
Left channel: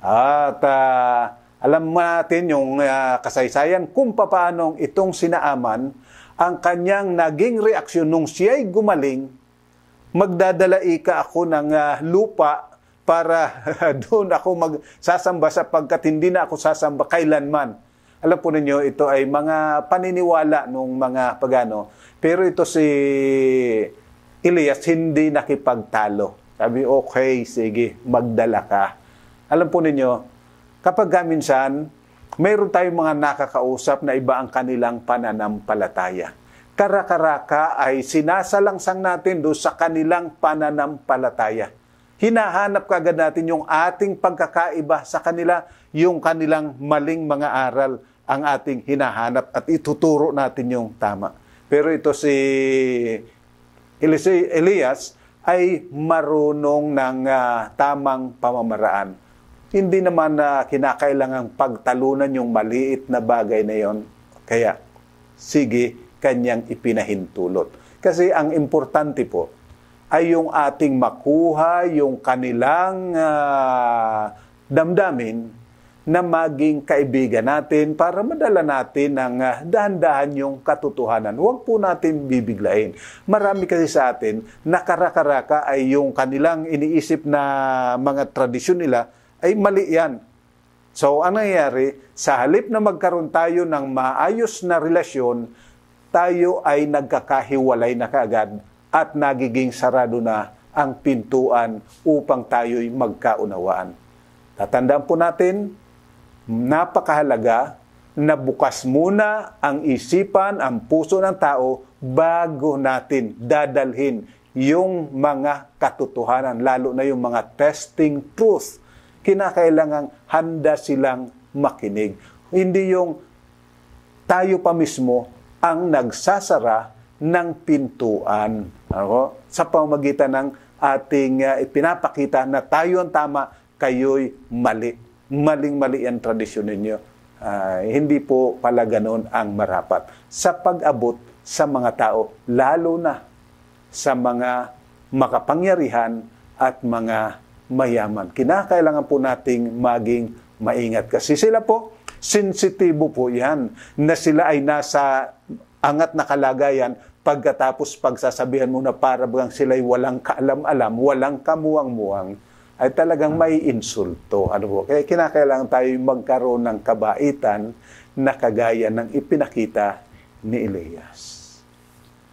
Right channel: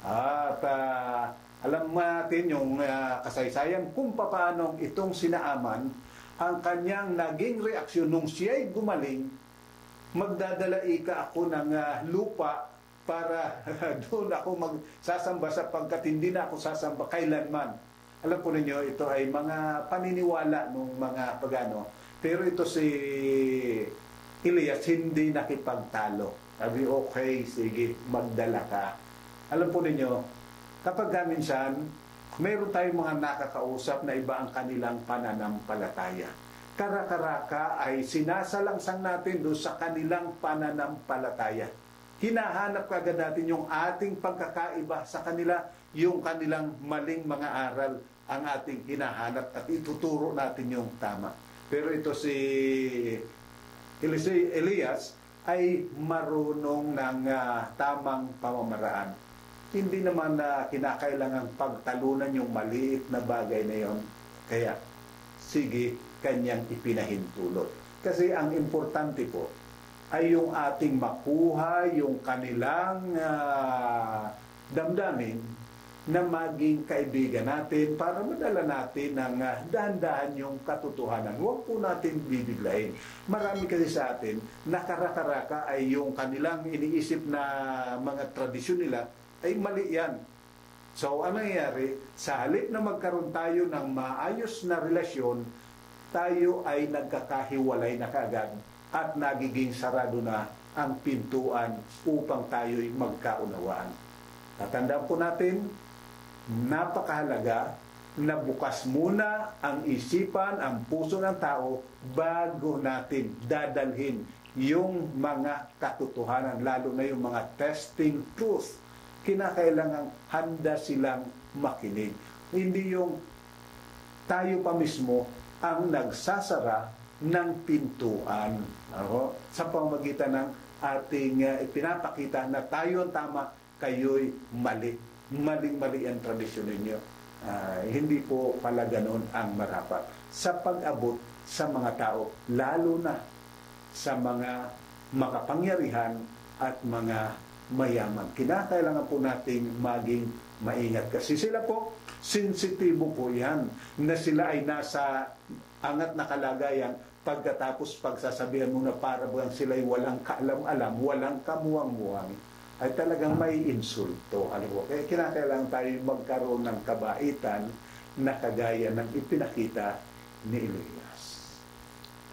At alam natin yung kasaysayan kung paano itong si Naaman, ang kanyang naging reaksyon nung siya'y gumaling, magdadala ako ng lupa para doon ako magsasamba sapagkat hindi na ako sasamba kailanman. Alam po ninyo, ito ay mga paniniwala ng mga pagano. Pero ito si Elias hindi nakipagtalo. Sabi, okay, sige, magdala ka. Alam po ninyo, kapag minsan, mayroon tayong mga nakakausap na iba ang kanilang pananampalataya. Kara-karaka ay sinasalangsang natin doon sa kanilang pananampalataya. Hinahanap kagad natin yung ating pagkakaiba sa kanila, yung kanilang maling mga aral ang ating hinahanap at ituturo natin yung tama. Pero ito si Elias ay marunong ng tamang pamamaraan. Hindi naman kinakailangang pagtalunan yung maliit na bagay na yon. Kaya, sige, kanyang ipinahintulot. Kasi ang importante po ay yung ating makuha, yung kanilang damdamin na maging kaibigan natin para madala natin ng dahan-dahan yung katotohanan. Huwag po natin bibiglain. Marami kasi sa atin, nakarakaraka ay yung kanilang iniisip na mga tradisyon nila ay mali yan. So, ang nangyayari, sa halip na magkaroon tayo ng maayos na relasyon, tayo ay nagkakahiwalay na kaagad at nagiging sarado na ang pintuan upang tayo'y magkaunawaan. Tatandaan po natin, napakahalaga na bukas muna ang isipan, ang puso ng tao bago natin dadalhin yung mga katotohanan, lalo na yung mga testing truth. Kinakailangan handa silang makinig. Hindi yung tayo pa mismo ang nagsasara ng pintuan. Ano? Sa pamamagitan ng ating ipinapakita na tayo ang tama, kayo'y mali. Maling-mali ang tradisyon ninyo. Hindi po pala ganoon ang marapat. Sa pag-abot sa mga tao, lalo na sa mga makapangyarihan at mga mayaman. Kinakailangan po nating maging maingat. Kasi sila po, sensitibo po yan, na sila ay nasa angat na kalagayan pagkatapos pagsasabihan mo na para bang sila'y walang kaalam-alam, walang kamuang-muang, ay talagang may insulto. Ano po? Kaya kinakailangan tayo magkaroon ng kabaitan na kagaya ng ipinakita ni Elias.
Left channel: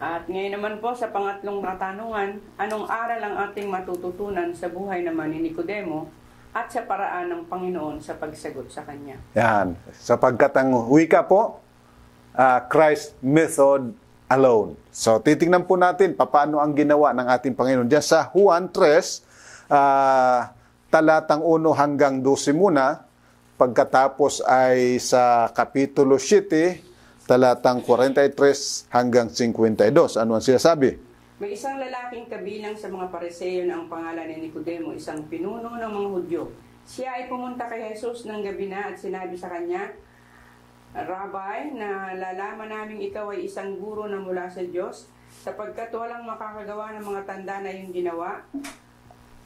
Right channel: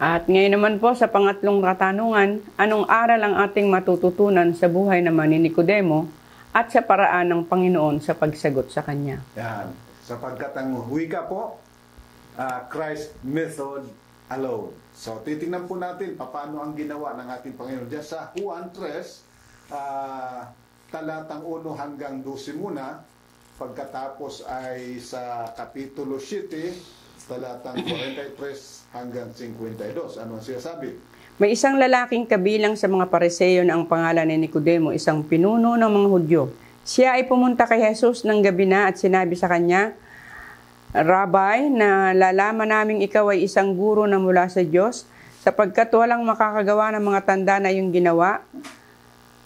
At ngayon naman po sa pangatlong katanungan, anong aral ang ating matututunan sa buhay naman ni Nicodemo at sa paraan ng Panginoon sa pagsagot sa kanya? Yan. Sapagkat ang wika po, Christ method alone. So, titingnan po natin paano ang ginawa ng ating Panginoon. Diyan sa Juan 3, talatang 1 hanggang 12 muna. Pagkatapos ay sa Kapitulo 7, talatang 43 hanggang 52. Ano ang sinasabi? May isang lalaking kabilang sa mga Pariseo na ang pangalan ni Nicodemo, isang pinuno ng mga Hudyo. Siya ay pumunta kay Jesus ng gabi na at sinabi sa kanya, Rabbi, nalalaman naming ikaw ay isang guro na mula sa Diyos, sapagkat walang makakagawa ng mga tanda na iyong ginawa,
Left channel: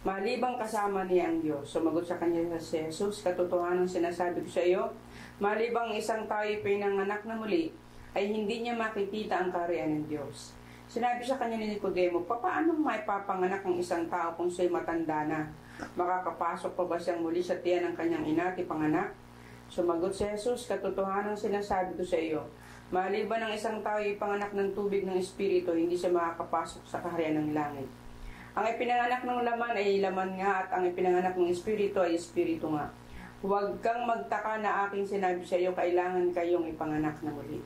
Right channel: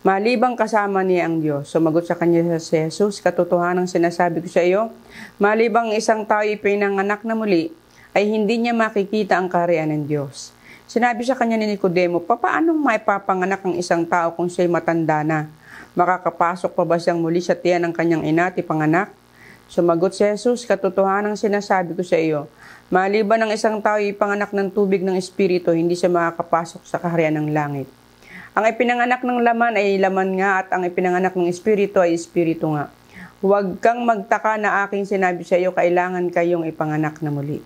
malibang kasama niya ang Diyos. Sumagot sa kanya si Jesus, katotohanan ang sinasabi ko sa iyo, malibang isang tao ipinanganak na muli, ay hindi niya makikita ang kaharian ng Diyos. Sinabi sa kanya ni Nicodemo, papaanong maipapanganak ang isang tao kung siya'y matanda na? Makakapasok pa ba siyang muli sa tiyan ng kanyang ina at ipanganak? Sumagot si Jesus, katotohanan ang sinasabi ko sa iyo, maliban ng isang tao ipanganak ng tubig ng Espiritu, hindi siya makakapasok sa kaharian ng langit. Ang ipinanganak ng laman ay laman nga at ang ipinanganak ng Espiritu ay Espiritu nga. Huwag kang magtaka na aking sinabi sa iyo, kailangan kayong ipanganak na muli.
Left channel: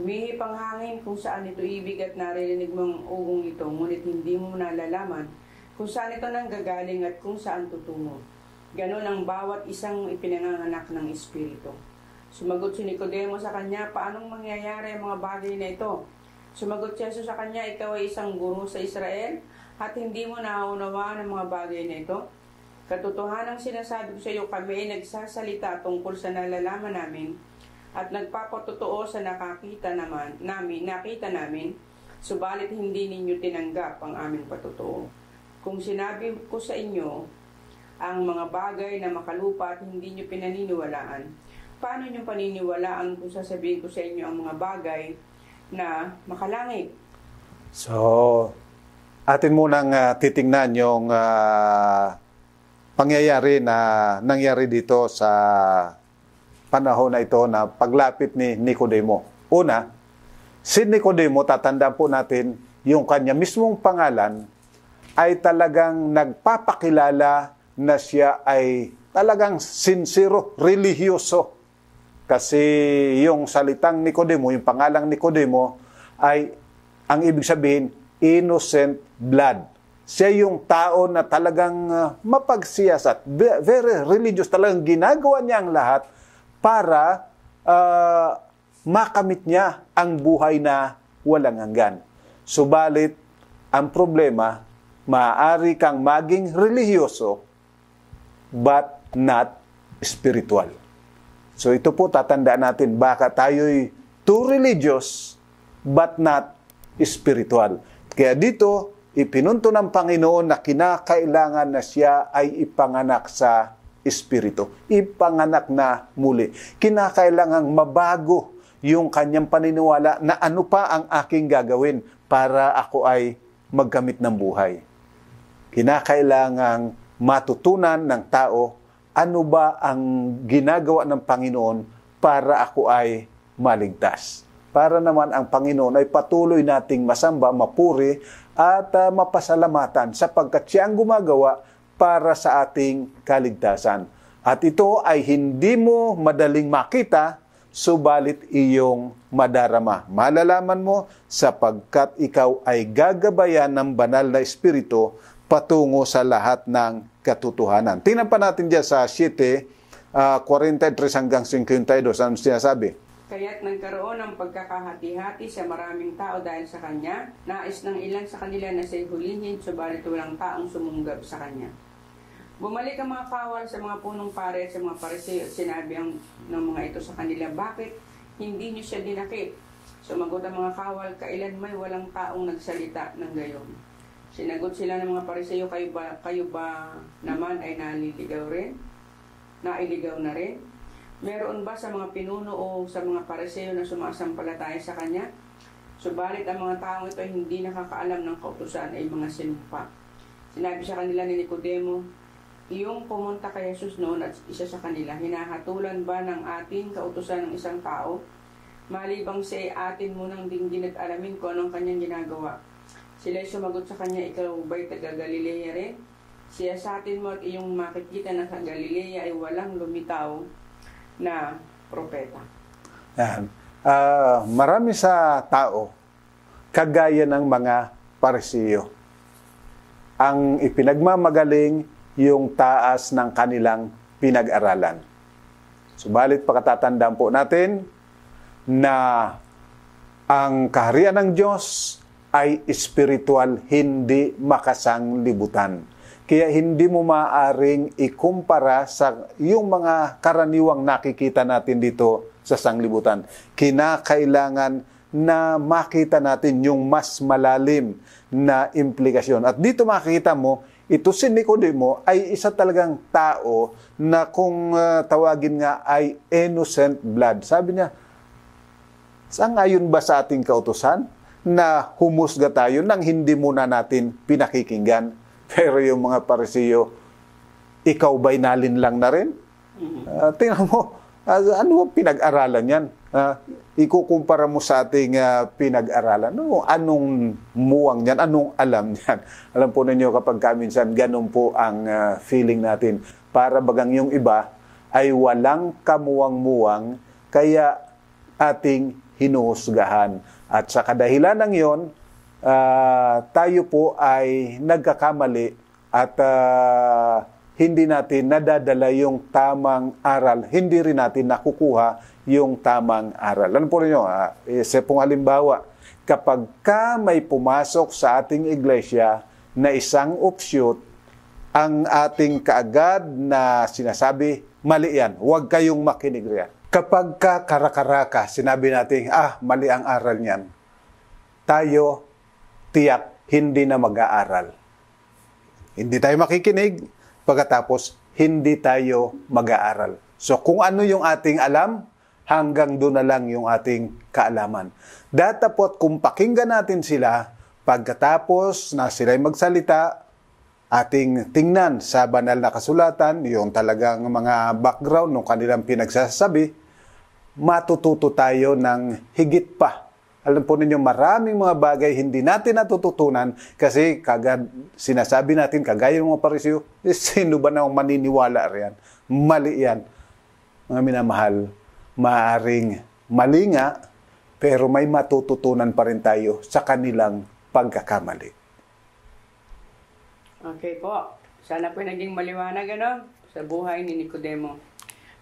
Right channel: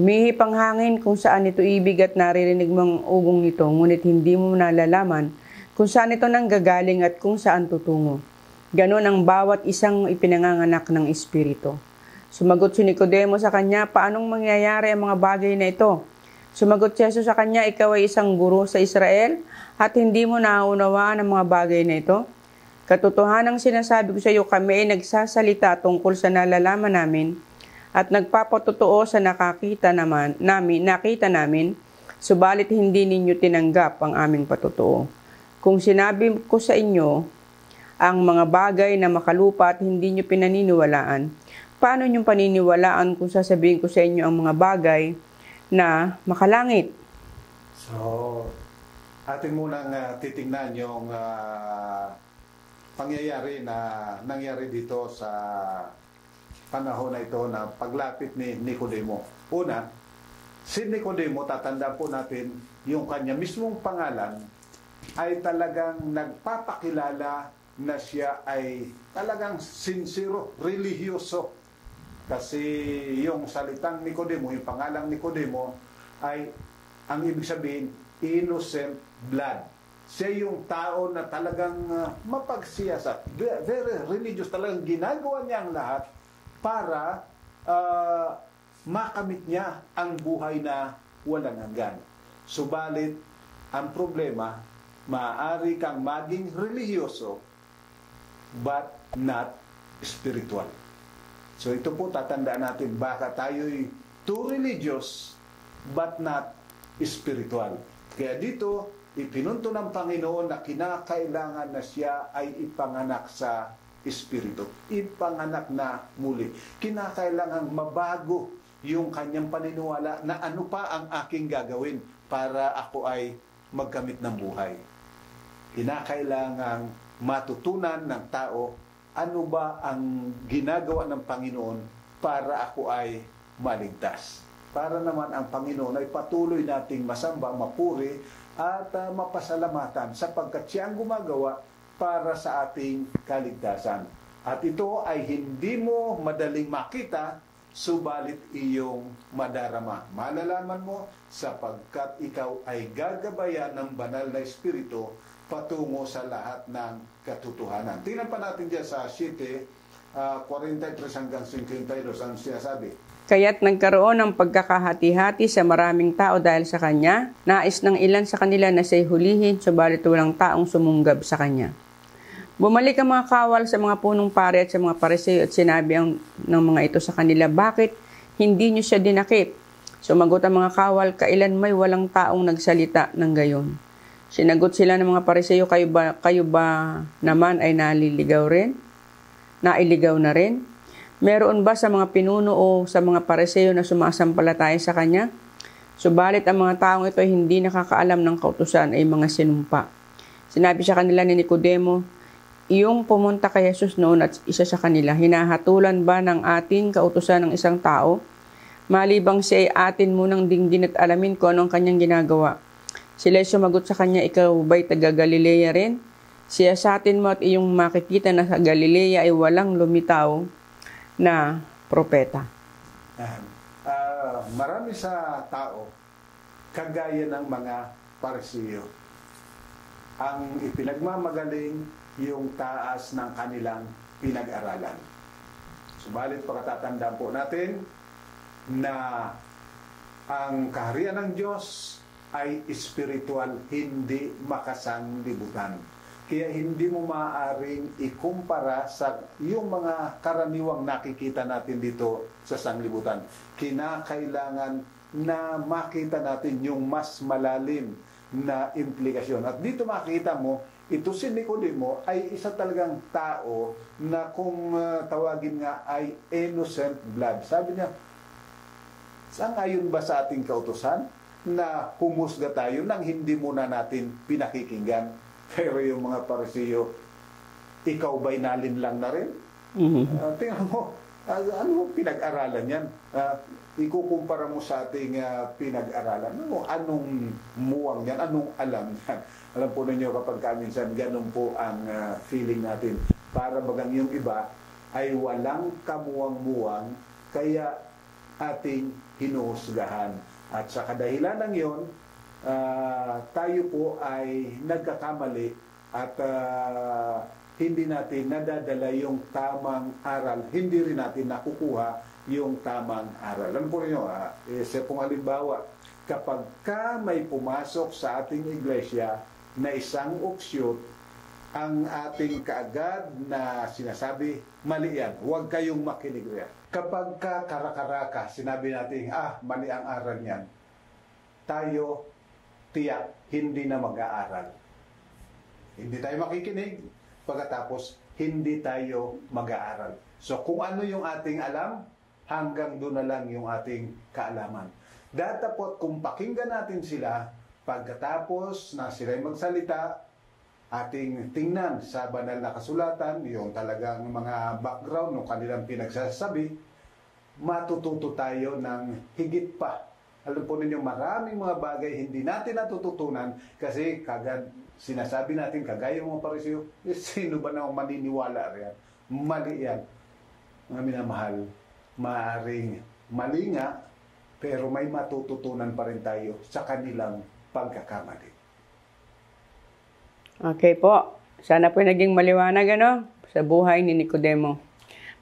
Humihip ang hangin kung saan ito ibig at naririnig mong ugong nito, ngunit hindi mo nalalaman kung saan ito nanggagaling at kung saan tutungo. Ganon ang bawat isang ipinanganganak ng Espiritu. Sumagot si Nicodemo sa kanya, paanong mangyayari ang mga bagay na ito? Sumagot si Jesus sa kanya, ikaw ay isang guro sa Israel at hindi mo naunawaan ang mga bagay na ito? Katotohanang sinasabi ko sa iyo, kami ay nagsasalita tungkol sa nalalaman namin at nagpapatotoo sa nakita namin, subalit hindi ninyo tinanggap ang aming patotoo. Kung sinabi ko sa inyo ang mga bagay na makalupa at hindi nyo pinaniniwalaan, paano nyo paniniwalaan kung sasabihin ko sa inyo ang mga bagay na makalangit? So, atin munang titingnan yung pangyayari na nangyari dito sa panahon na ito na paglapit ni Nicodemo. Una, si Nicodemo, tatandaan po natin, yung kanya mismong pangalan ay talagang nagpapakilala na siya ay talagang sincero, religyoso. Kasi yung salitang Nicodemo, yung pangalang Nicodemo, ay ang ibig sabihin, innocent blood. Siya yung tao na talagang mapagsiyasat, very religious, talagang ginagawa niya ang lahat para makamit niya ang buhay na walang hanggan. Subalit, ang problema, maaari kang maging religyoso, but not spiritual. So ito po tatandaan natin, baka tayo'y too religious but not spiritual. Kaya dito, ipinunto ng Panginoon na kinakailangan na siya ay ipanganak sa Espiritu. Ipanganak na muli. Kinakailangang mabago yung kanyang paniniwala na ano pa ang aking gagawin para ako ay magkamit ng buhay. Kinakailangang matutunan ng tao ano ba ang ginagawa ng Panginoon para ako ay maligtas. Para naman ang Panginoon ay patuloy nating masamba, mapuri at mapasalamatan sapagkat siya ang gumagawa para sa ating kaligtasan. At ito ay hindi mo madaling makita subalit iyong madarama. Malalaman mo sapagkat ikaw ay gagabayan ng banal na Espiritu patungo sa lahat ng katotohanan. Tingnan pa natin dyan sa 7:43 hanggang 52. Ano sinasabi? Kaya't nagkaroon ng pagkakahati-hati sa maraming tao dahil sa kanya. Nais ng ilan sa kanila na siya'y hulihin, subalit walang taong sumunggab sa kanya. Bumalik ang mga kawal sa mga punong pari at sa mga Pariseo at sinabi ng mga ito sa kanila, bakit hindi niyo siya dinakip? Sumagot ang mga kawal, kailan may walang taong nagsalita ng gayon. Sinagot sila ng mga Pariseo, kayo ba naman ay naliligaw rin? Nailigaw na rin? Meron ba sa mga pinuno o sa mga Pariseo na sumasampalataya sa kanya? Subalit ang mga taong ito ay hindi nakakaalam ng kautusan ay mga sinumpa. Sinabi sa kanila ni Nicodemo, iyong pumunta kay Jesus noon at isa sa kanila, hinahatulan ba ng ating kautusan ng isang tao? Malibang siya ay atin munang dinggin at alamin kung anong kanyang ginagawa. Sila'y sumagot sa kanya, ikaw ba'y taga Galilea rin? Siya sa atin mo at iyong makikita na sa Galilea ay walang lumitaw na propeta. Yan. Marami sa tao, kagaya ng mga Pariseo, ang ipinagmamagaling yung taas ng kanilang pinag-aralan. Subalit pagkatatandaan po natin na ang kaharian ng Diyos ay espiritual, hindi makasanglibutan. Kaya hindi mo maaring ikumpara sa yung mga karaniwang nakikita natin dito sa sanglibutan. Kinakailangan na makita natin yung mas malalim na implikasyon. At dito makikita mo, ito si Nicodemo ay isa talagang tao na kung tawagin nga ay innocent blood. Sabi niya, sangayon ba sa ating kautusan na humusga tayo nang hindi muna natin pinakikinggan? Pero yung mga Pariseo, ikaw ba'y nalinlang na rin? Tingnan mo, ano pinag-aralan yan? Ikukumpara mo sa ating pinag-aralan. Anong muwang yan? Anong alam yan? Alam po ninyo kapag minsan ganun po ang feeling natin. Para bagang yung iba ay walang kamuwang-muwang kaya ating hinuhusgahan. At sa kadahilan ng yon, tayo po ay nagkakamali at hindi natin nadadala yung tamang aral. Hindi rin natin nakukuha yung tamang aral. Ano po rin nyo? Isa pong halimbawa, kapag ka may pumasok sa ating iglesia na isang offshoot, ang ating kaagad na sinasabi, mali yan. Huwag kayong makinig riyan. Kapag ka karakaraka, sinabi natin, mali ang aral niyan. Tayo, tiyak, hindi na mag-aaral. Hindi tayo makikinig, pagkatapos hindi tayo mag-aaral. So kung ano yung ating alam, hanggang doon na lang yung ating kaalaman. Datapot kung pakinggan natin sila, pagkatapos na sila'y magsalita, ating tingnan sa banal na kasulatan, yung talagang mga background ng kanilang pinagsasabi, matututo tayo ng higit pa. Alam po ninyo, maraming mga bagay hindi natin natututunan kasi kagad sinasabi natin, kagaya ng mga Pariseo, sino ba nang maniniwala riyan? Mali yan. Mga minamahal, maaaring mali nga, pero may matututunan pa rin tayo sa kanilang pagkakamali. Okay po. Sana po naging maliwanag sa buhay ni Nicodemo.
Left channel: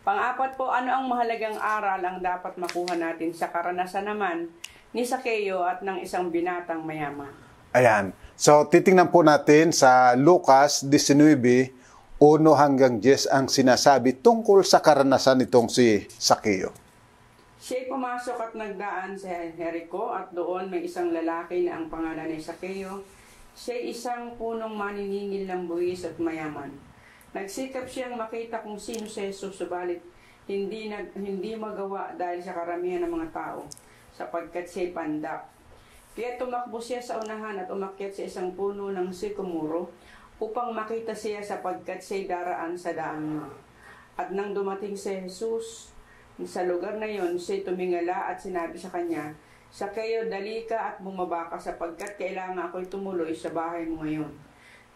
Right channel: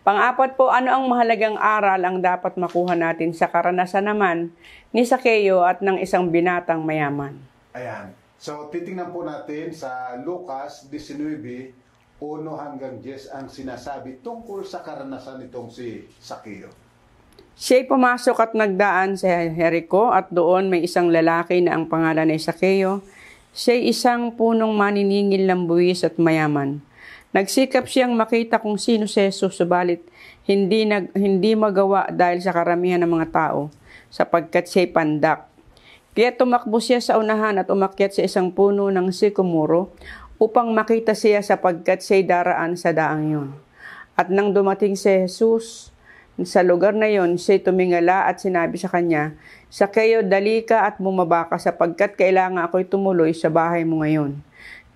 Pang-apat po, ano ang mahalagang aral ang dapat makuha natin sa karanasan naman ni Zakeo at ng isang binatang mayaman? Ayan. So, titingnan po natin sa Lucas 19, 1 hanggang 10 ang sinasabi tungkol sa karanasan nitong si Zakeo. Siya'y pumasok at nagdaan sa Jericho at doon may isang lalaki na ang pangalan ay Zakeo. Siya'y isang punong maniningil ng buwis at mayaman. Nagsikap siyang makita kung sino si Jesus, subalit hindi magawa dahil sa karamihan ng mga tao, sapagkat siya'y pandak. Kaya tumakbo siya sa unahan at umakyat sa isang puno ng sikomoro upang makita siya sapagkat siya'y daraan sa daang yun. At nang dumating si Jesus sa lugar na yon, siya'y tumingala at sinabi sa kanya, Zakeo, dali ka at bumaba ka sapagkat kailangan ako'y tumuloy sa bahay mo ngayon.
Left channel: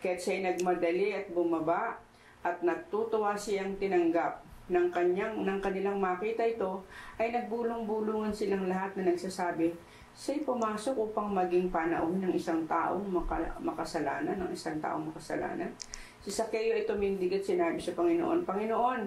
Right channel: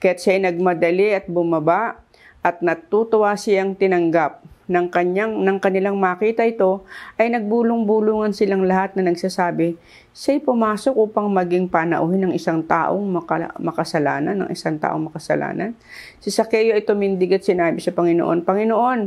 Kaya't siya'y nagmadali at bumaba at natutuwa siyang tinanggap. Nang kanilang makita ito, ay nagbulong-bulungan silang lahat na nagsasabi, siya'y pumasok upang maging panauhin ng isang taong makasalanan, Si Zakeo ay tumindig at sinabi sa Panginoon, Panginoon,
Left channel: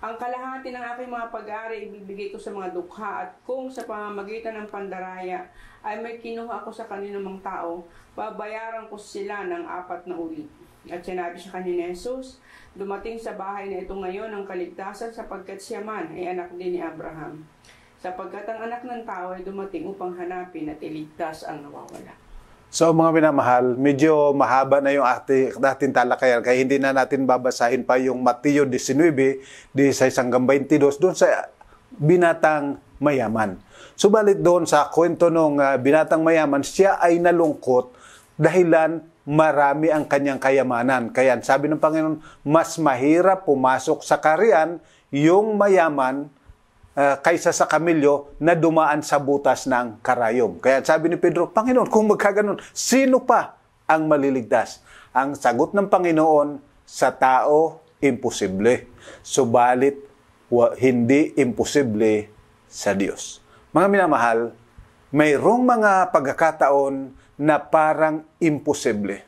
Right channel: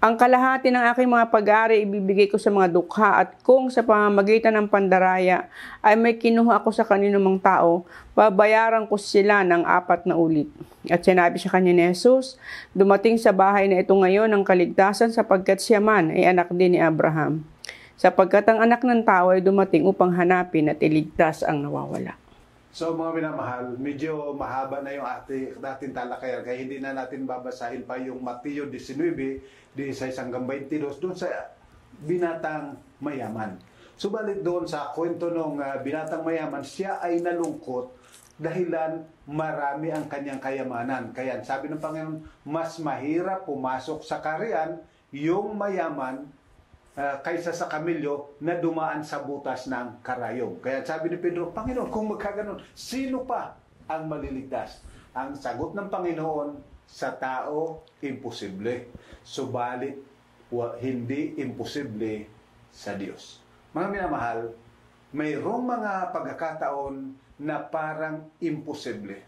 ang kalahati ng aking mga pag-aari ibibigay ko sa mga dukha at kung sa pamamagitan ng pandaraya ay may kinuha ako sa kaninumang tao, babayaran ko sila ng 4 na ulit. At sinabi sa kanya ni Jesus, dumating sa bahay na ito ngayon ang kaligtasan sapagkat siya man ay anak din ni Abraham. Sapagkat ang anak ng tao ay dumating upang hanapin at iligtas ang nawawala. So mga minamahal, medyo mahaba na yung ating talakayan kaya hindi na natin babasahin pa yung Mateo 19, 16-22 doon sa binatang mayaman. Subalit doon sa kwento ng binatang mayaman, siya ay nalungkot dahilan marami ang kanyang kayamanan. Kaya sabi ng Panginoon, mas mahirap pumasok sa karian yung mayaman kaysa sa kamilyo na dumaan sa butas ng karayom. Kaya sabi ni Pedro, Panginoon, kung magkaganon, sino pa ang maliligtas? Ang sagot ng Panginoon, sa tao, imposible. Subalit, hindi imposible sa Diyos. Mga minamahal, mayroong mga pagkakataon na parang imposible.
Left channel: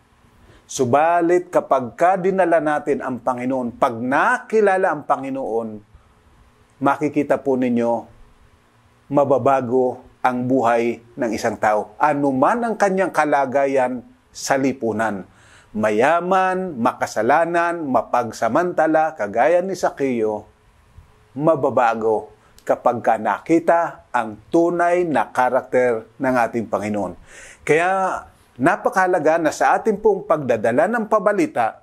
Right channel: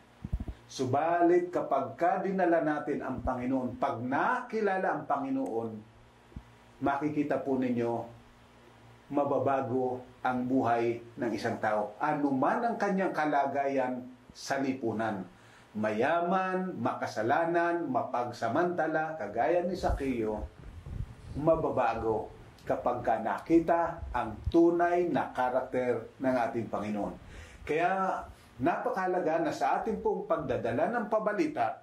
Subalit, kapag dinala natin ang Panginoon, pag nakilala ang Panginoon, makikita po ninyo, mababago ang buhay ng isang tao. Anuman ang kanyang kalagayan sa lipunan. Mayaman, makasalanan, mapagsamantala, kagaya ni Zakeo, mababago kapag nakita ang tunay na karakter ng ating Panginoon. Kaya napakahalaga na sa ating pong pagdadala ng pabalita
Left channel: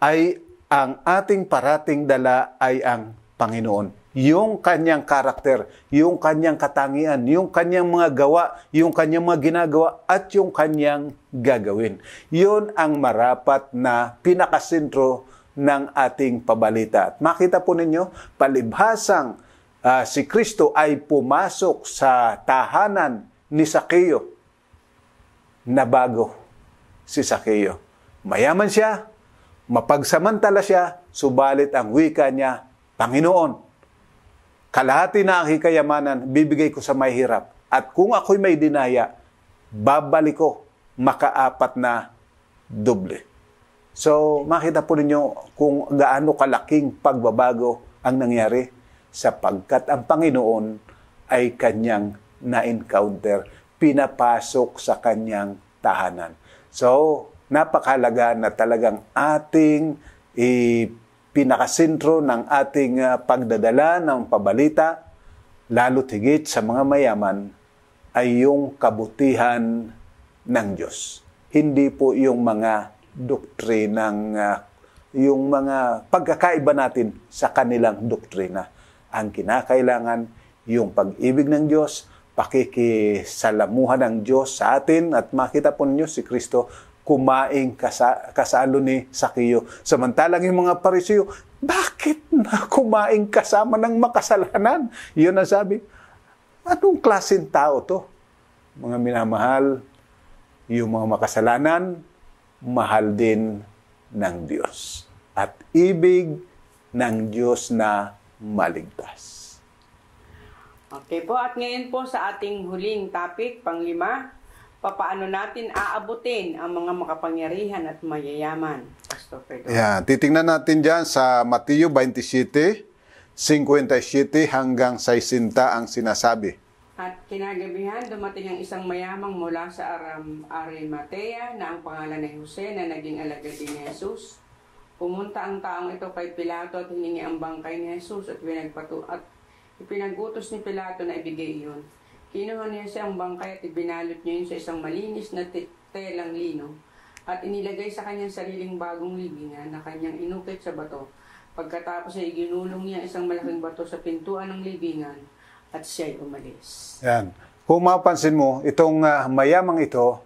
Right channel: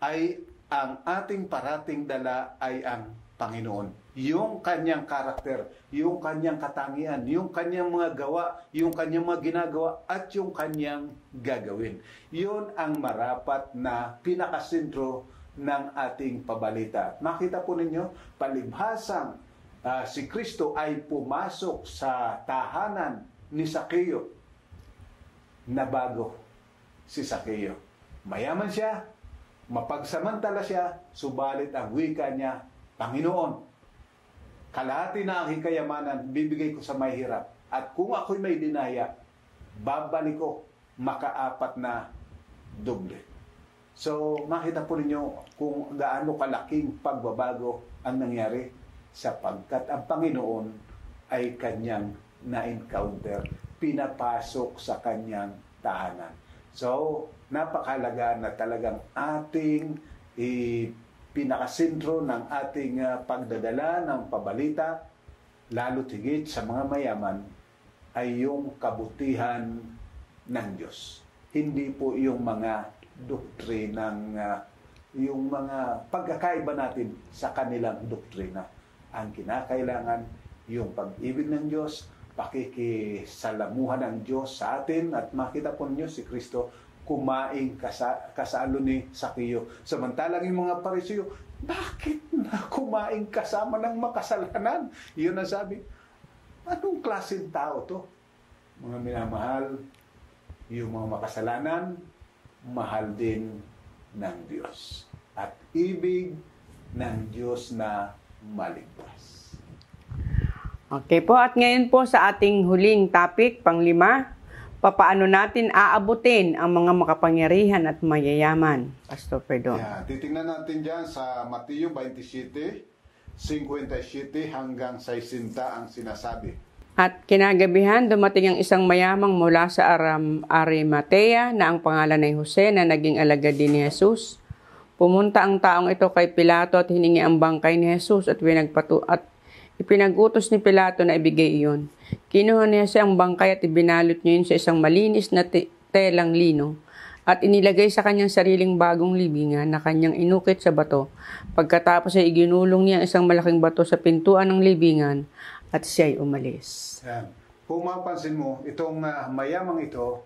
ay ang ating parating dala ay ang Panginoon. Yung kanyang karakter, yung kanyang katangian, yung kanyang mga gawa, yung kanyang mga ginagawa, at yung kanyang gagawin. Yun ang marapat na pinakasentro ng ating pabalita. At makita po ninyo, palibhasang si Kristo ay pumasok sa tahanan ni Zakeo, na bago si Zakeo. Mayaman siya, mapagsamantala siya, subalit ang wika niya, Panginoon, kalahati na aking kayamanan, bibigay ko sa may hirap. At kung ako'y may dinaya, babalik ko maka-4 na doble. So, makita po ninyo kung gaano kalaking pagbabago ang nangyari sapagkat ang Panginoon ay kanyang na-encounter, pinapasok sa kanyang tahanan. So, napakahalaga na talagang ating pinakasentro ng ating pagdadala ng pabalita, lalo't higit sa mga mayaman, ay yung kabutihan ng Diyos. Hindi po yung mga doktrinang, yung mga pagkakaiba natin sa kanilang doktrina. Ang kinakailangan, yung pag-ibig ng Diyos, pakikisalamuhan ng Diyos sa atin, at makita po ninyo si Kristo kumain kasalo ni Zakeo. Samantalang yung mga Pariseo, bakit na kumain kasama ng makasalanan? Yun ang sabi, anong klaseng tao to? Mga minamahal, yung mga makasalanan, mahal din ng Diyos. At ibig ng Diyos na maligtas. Okay po, at ngayon po sa ating huling topic, pang-5, papaano natin aabutin ang mga makapangyarihan at mayayaman, Pastor Pedro? Yeah, titingnan natin dyan sa Mateo 27, 57 hanggang 60 ang sinasabi. At kinagabihan, dumating ang isang mayamang mula sa Arimatea na ang pangalan ay Jose na naging alagad din ni Jesus. Pumunta ang taong ito kay Pilato at hiningi ang bangkay ni Jesus at ipinag-utos ni Pilato na ibigay iyon. Kinuha niya ang bangkay at ibinalot niya yun sa isang malinis na telang lino at inilagay sa kanyang sariling bagong libingan na kanyang inukit sa bato. Pagkatapos ay iginulong niya ang isang malaking bato sa pintuan ng libingan at siya ay umalis. Yan. Kung mapansin mo, itong mayamang ito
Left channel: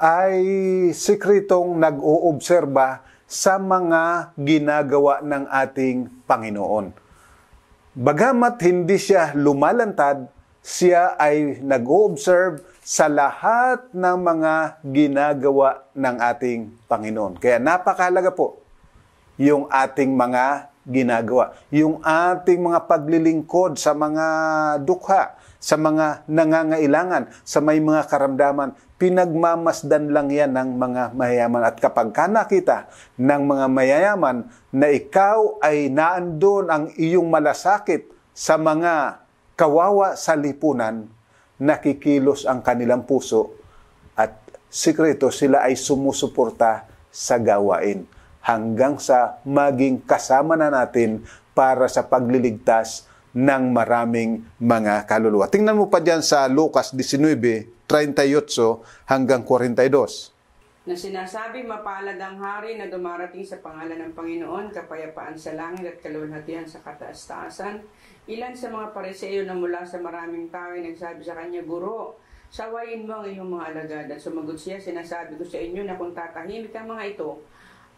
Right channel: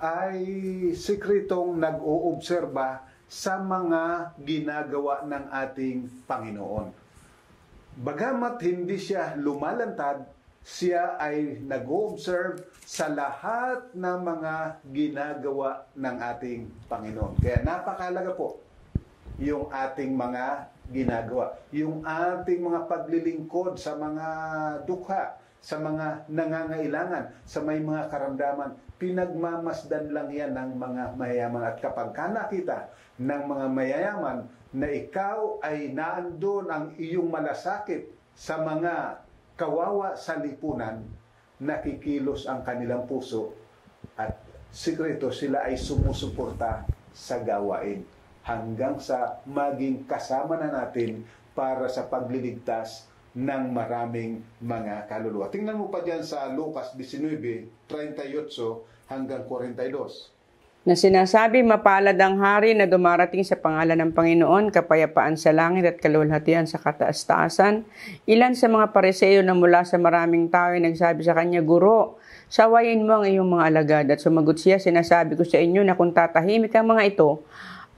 ay sikretong nag-oobserba sa mga ginagawa ng ating Panginoon. Bagamat hindi siya lumalantad, siya ay nag-o-observe sa lahat ng mga ginagawa ng ating Panginoon. Kaya napakahalaga po yung ating mga ginagawa. Yung ating mga paglilingkod sa mga dukha, sa mga nangangailangan, sa may mga karamdaman, pinagmamasdan lang yan ng mga mayayaman. At kapag ka nakita ng mga mayayaman na ikaw ay naandun ang iyong malasakit sa mga kawawa sa lipunan, nakikilos ang kanilang puso at sikreto sila ay sumusuporta sa gawain hanggang sa maging kasama na natin para sa pagliligtas ng maraming mga kaluluwa. Tingnan mo pa dyan sa Lucas 19:38 hanggang 42. Na sinasabi, mapalad ang hari na dumarating sa pangalan ng Panginoon, kapayapaan sa langit at kalulhatian sa kataas-taasan. Ilan sa mga Pariseo na mula sa maraming tao ay nagsabi sa kanya, Guro, sawayin mo ang iyong mga alagad. At sumagot siya, sinasabi ko sa inyo na kung tatahimik ang mga ito,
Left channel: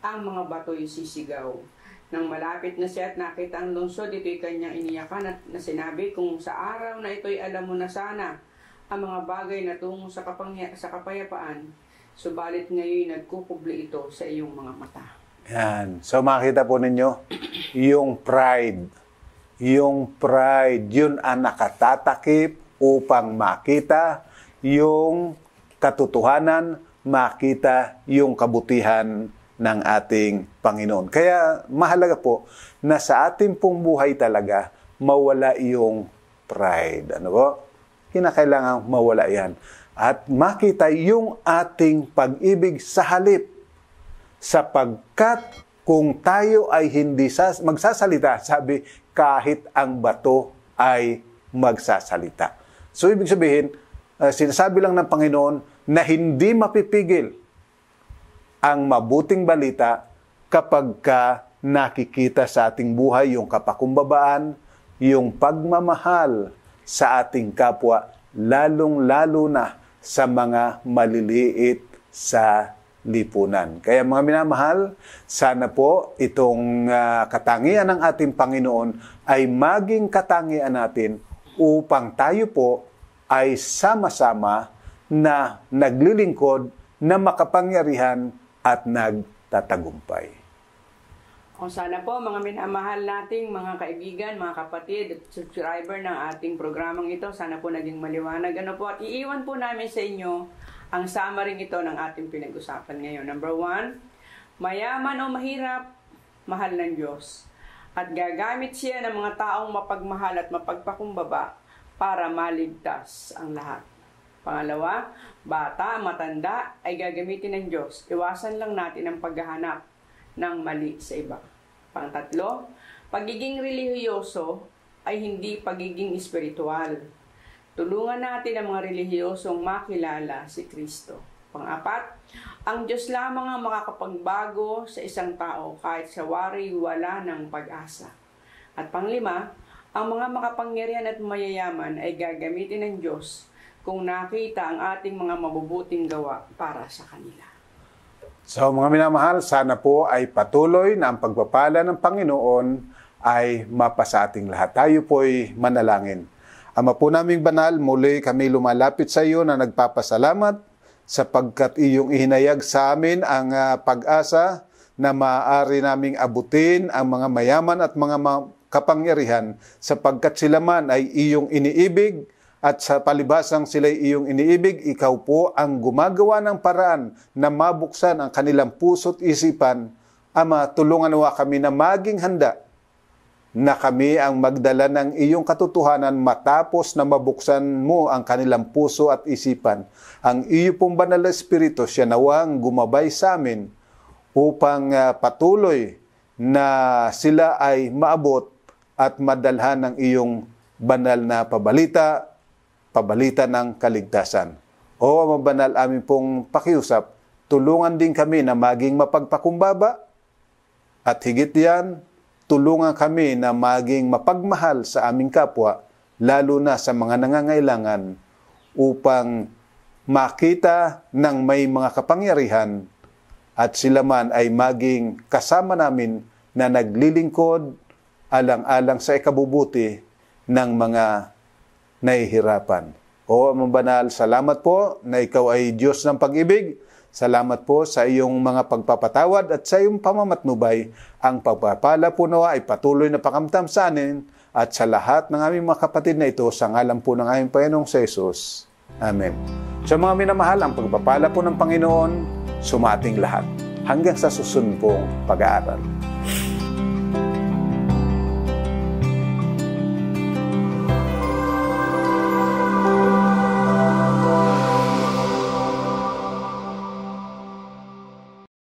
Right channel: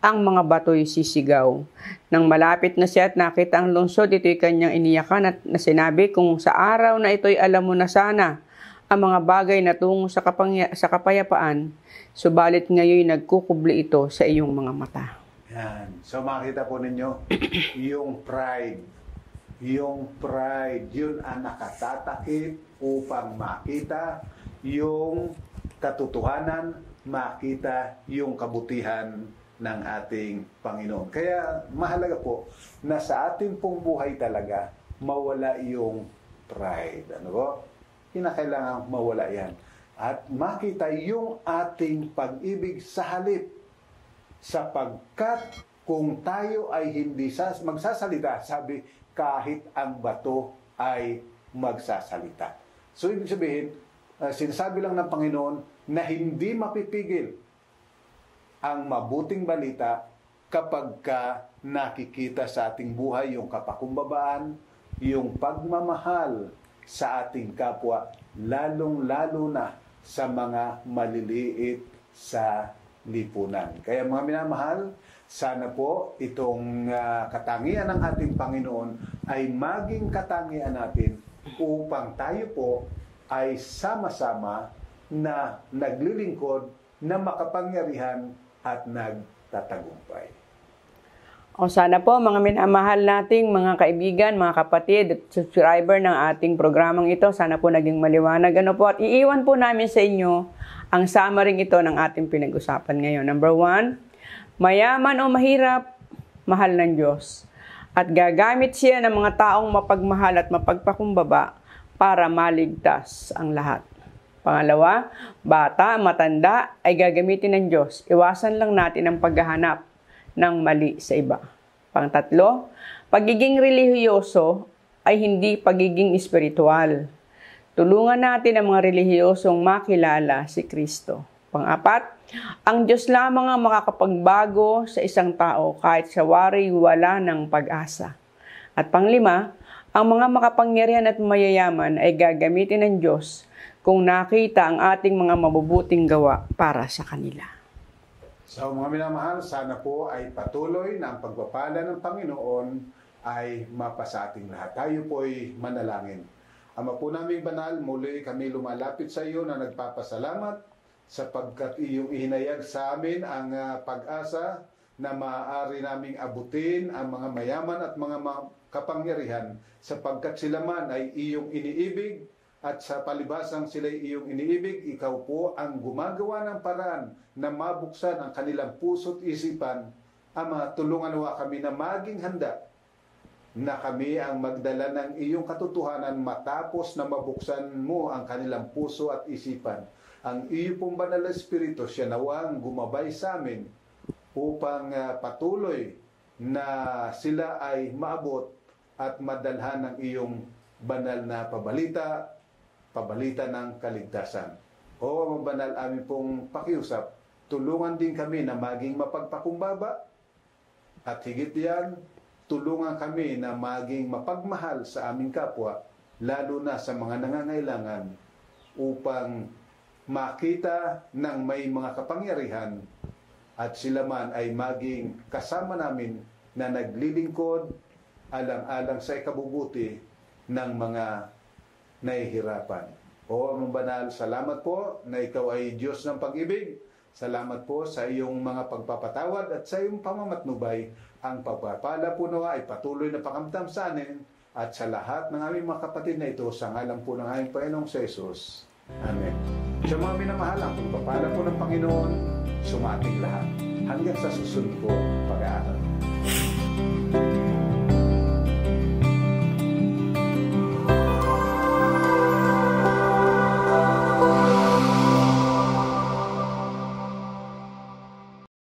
ang mga bato'y sisigaw. Nang malapit na siya at nakita ang lungsod, ito'y kanyang iniyakan at sinabi, kung sa araw na ito'y alam mo na sana ang mga bagay na tungo sa kapayapaan, subalit ngayon nagkukubli ito sa iyong mga mata. Yan. So makita po ninyo, yung pride, yun ang nakatatakip upang makita yung katotohanan, makita yung kabutihan ng ating Panginoon. Kaya mahalaga po na sa ating pong buhay talaga mawala yung pride. Ano po? Kinakailangan mawala yan. At makita yung ating pag-ibig sa halip. Sapagkat kung tayo ay hindi magsasalita, sabi, kahit ang bato ay magsasalita. So ibig sabihin, sinasabi lang ng Panginoon na hindi mapipigil ang mabuting balita kapag ka nakikita sa ating buhay yung kapakumbabaan, yung pagmamahal sa ating kapwa, lalong-lalo na sa mga maliliit sa lipunan. Kaya mga minamahal, sana po itong katangian ng ating Panginoon ay maging katangian natin upang tayo po ay sama-sama na naglilingkod na makapangyarihan at nagtatagumpay. O sana po mga minamahal nating mga kaibigan, mga kapatid at subscriber ng ating programang ito, sana po naging maliwanag. Ano po, at iiwan po namin sa inyo ang summary ito ng ating pinag-usapan ngayon. Number 1, mayaman o mahirap, mahal ng Diyos. At gagamit siya ng mga taong mapagmahal at mapagpakumbaba para maligtas ang lahat. Pangalawa, bata, matanda ay gagamitin ng Diyos. Iwasan lang natin ang paghahanap ng mali sa iba. Pangtatlo, pagiging relihiyoso ay hindi pagiging espiritual. Tulungan natin ang mga relihiyosong makilala si Kristo. Pang-apat, ang Diyos lamang ang makakapagbago sa isang tao kahit sa wari wala ng pag-asa. At panglima, ang mga makapangyarihan at mayayaman ay gagamitin ng Diyos kung nakita ang ating mga mabubuting gawa para sa kanila. So mga minamahal, sana po ay patuloy na ang pagpapala ng Panginoon ay mapasa ating lahat. Tayo po'y manalangin. Ama po naming banal, muli kami lumalapit sa iyo na nagpapasalamat sapagkat iyong ihinayag sa amin ang pag-asa na maaari naming abutin ang mga mayaman at mga kapangyarihan sapagkat sila man ay iyong iniibig. At sa palibasang sila'y iyong iniibig, ikaw po ang gumagawa ng paraan na mabuksan ang kanilang puso't isipan. Ama, tulungan nawa kami na maging handa na kami ang magdala ng iyong katotohanan matapos na mabuksan mo ang kanilang puso at isipan. Ang iyo pong banal na Espiritu, siya nawang gumabay sa amin upang patuloy na sila ay maabot at madalhan ng iyong banal na pabalita ng kaligtasan. O Ama Banal, amin pong pakiusap, tulungan din kami na maging mapagpakumbaba at higit yan, tulungan kami na maging mapagmahal sa aming kapwa, lalo na sa mga nangangailangan, upang makita ng may mga kapangyarihan at sila man ay maging kasama namin na naglilingkod alang-alang sa ikabubuti ng mga nahihirapan. O Amang Banal, salamat po na ikaw ay Diyos ng pag-ibig. Salamat po sa iyong mga pagpapatawad at sa iyong pamamatnubay. Ang pagpapala po nawa ay patuloy na pakamtam sa anin at sa lahat ng aming mga kapatid na ito sa ngalan po ng aming Panginoong Jesus. Amen. Sa mga minamahal, ang pagpapala po ng Panginoon, sumating lahat. Hanggang sa susunod pong pag-aaral.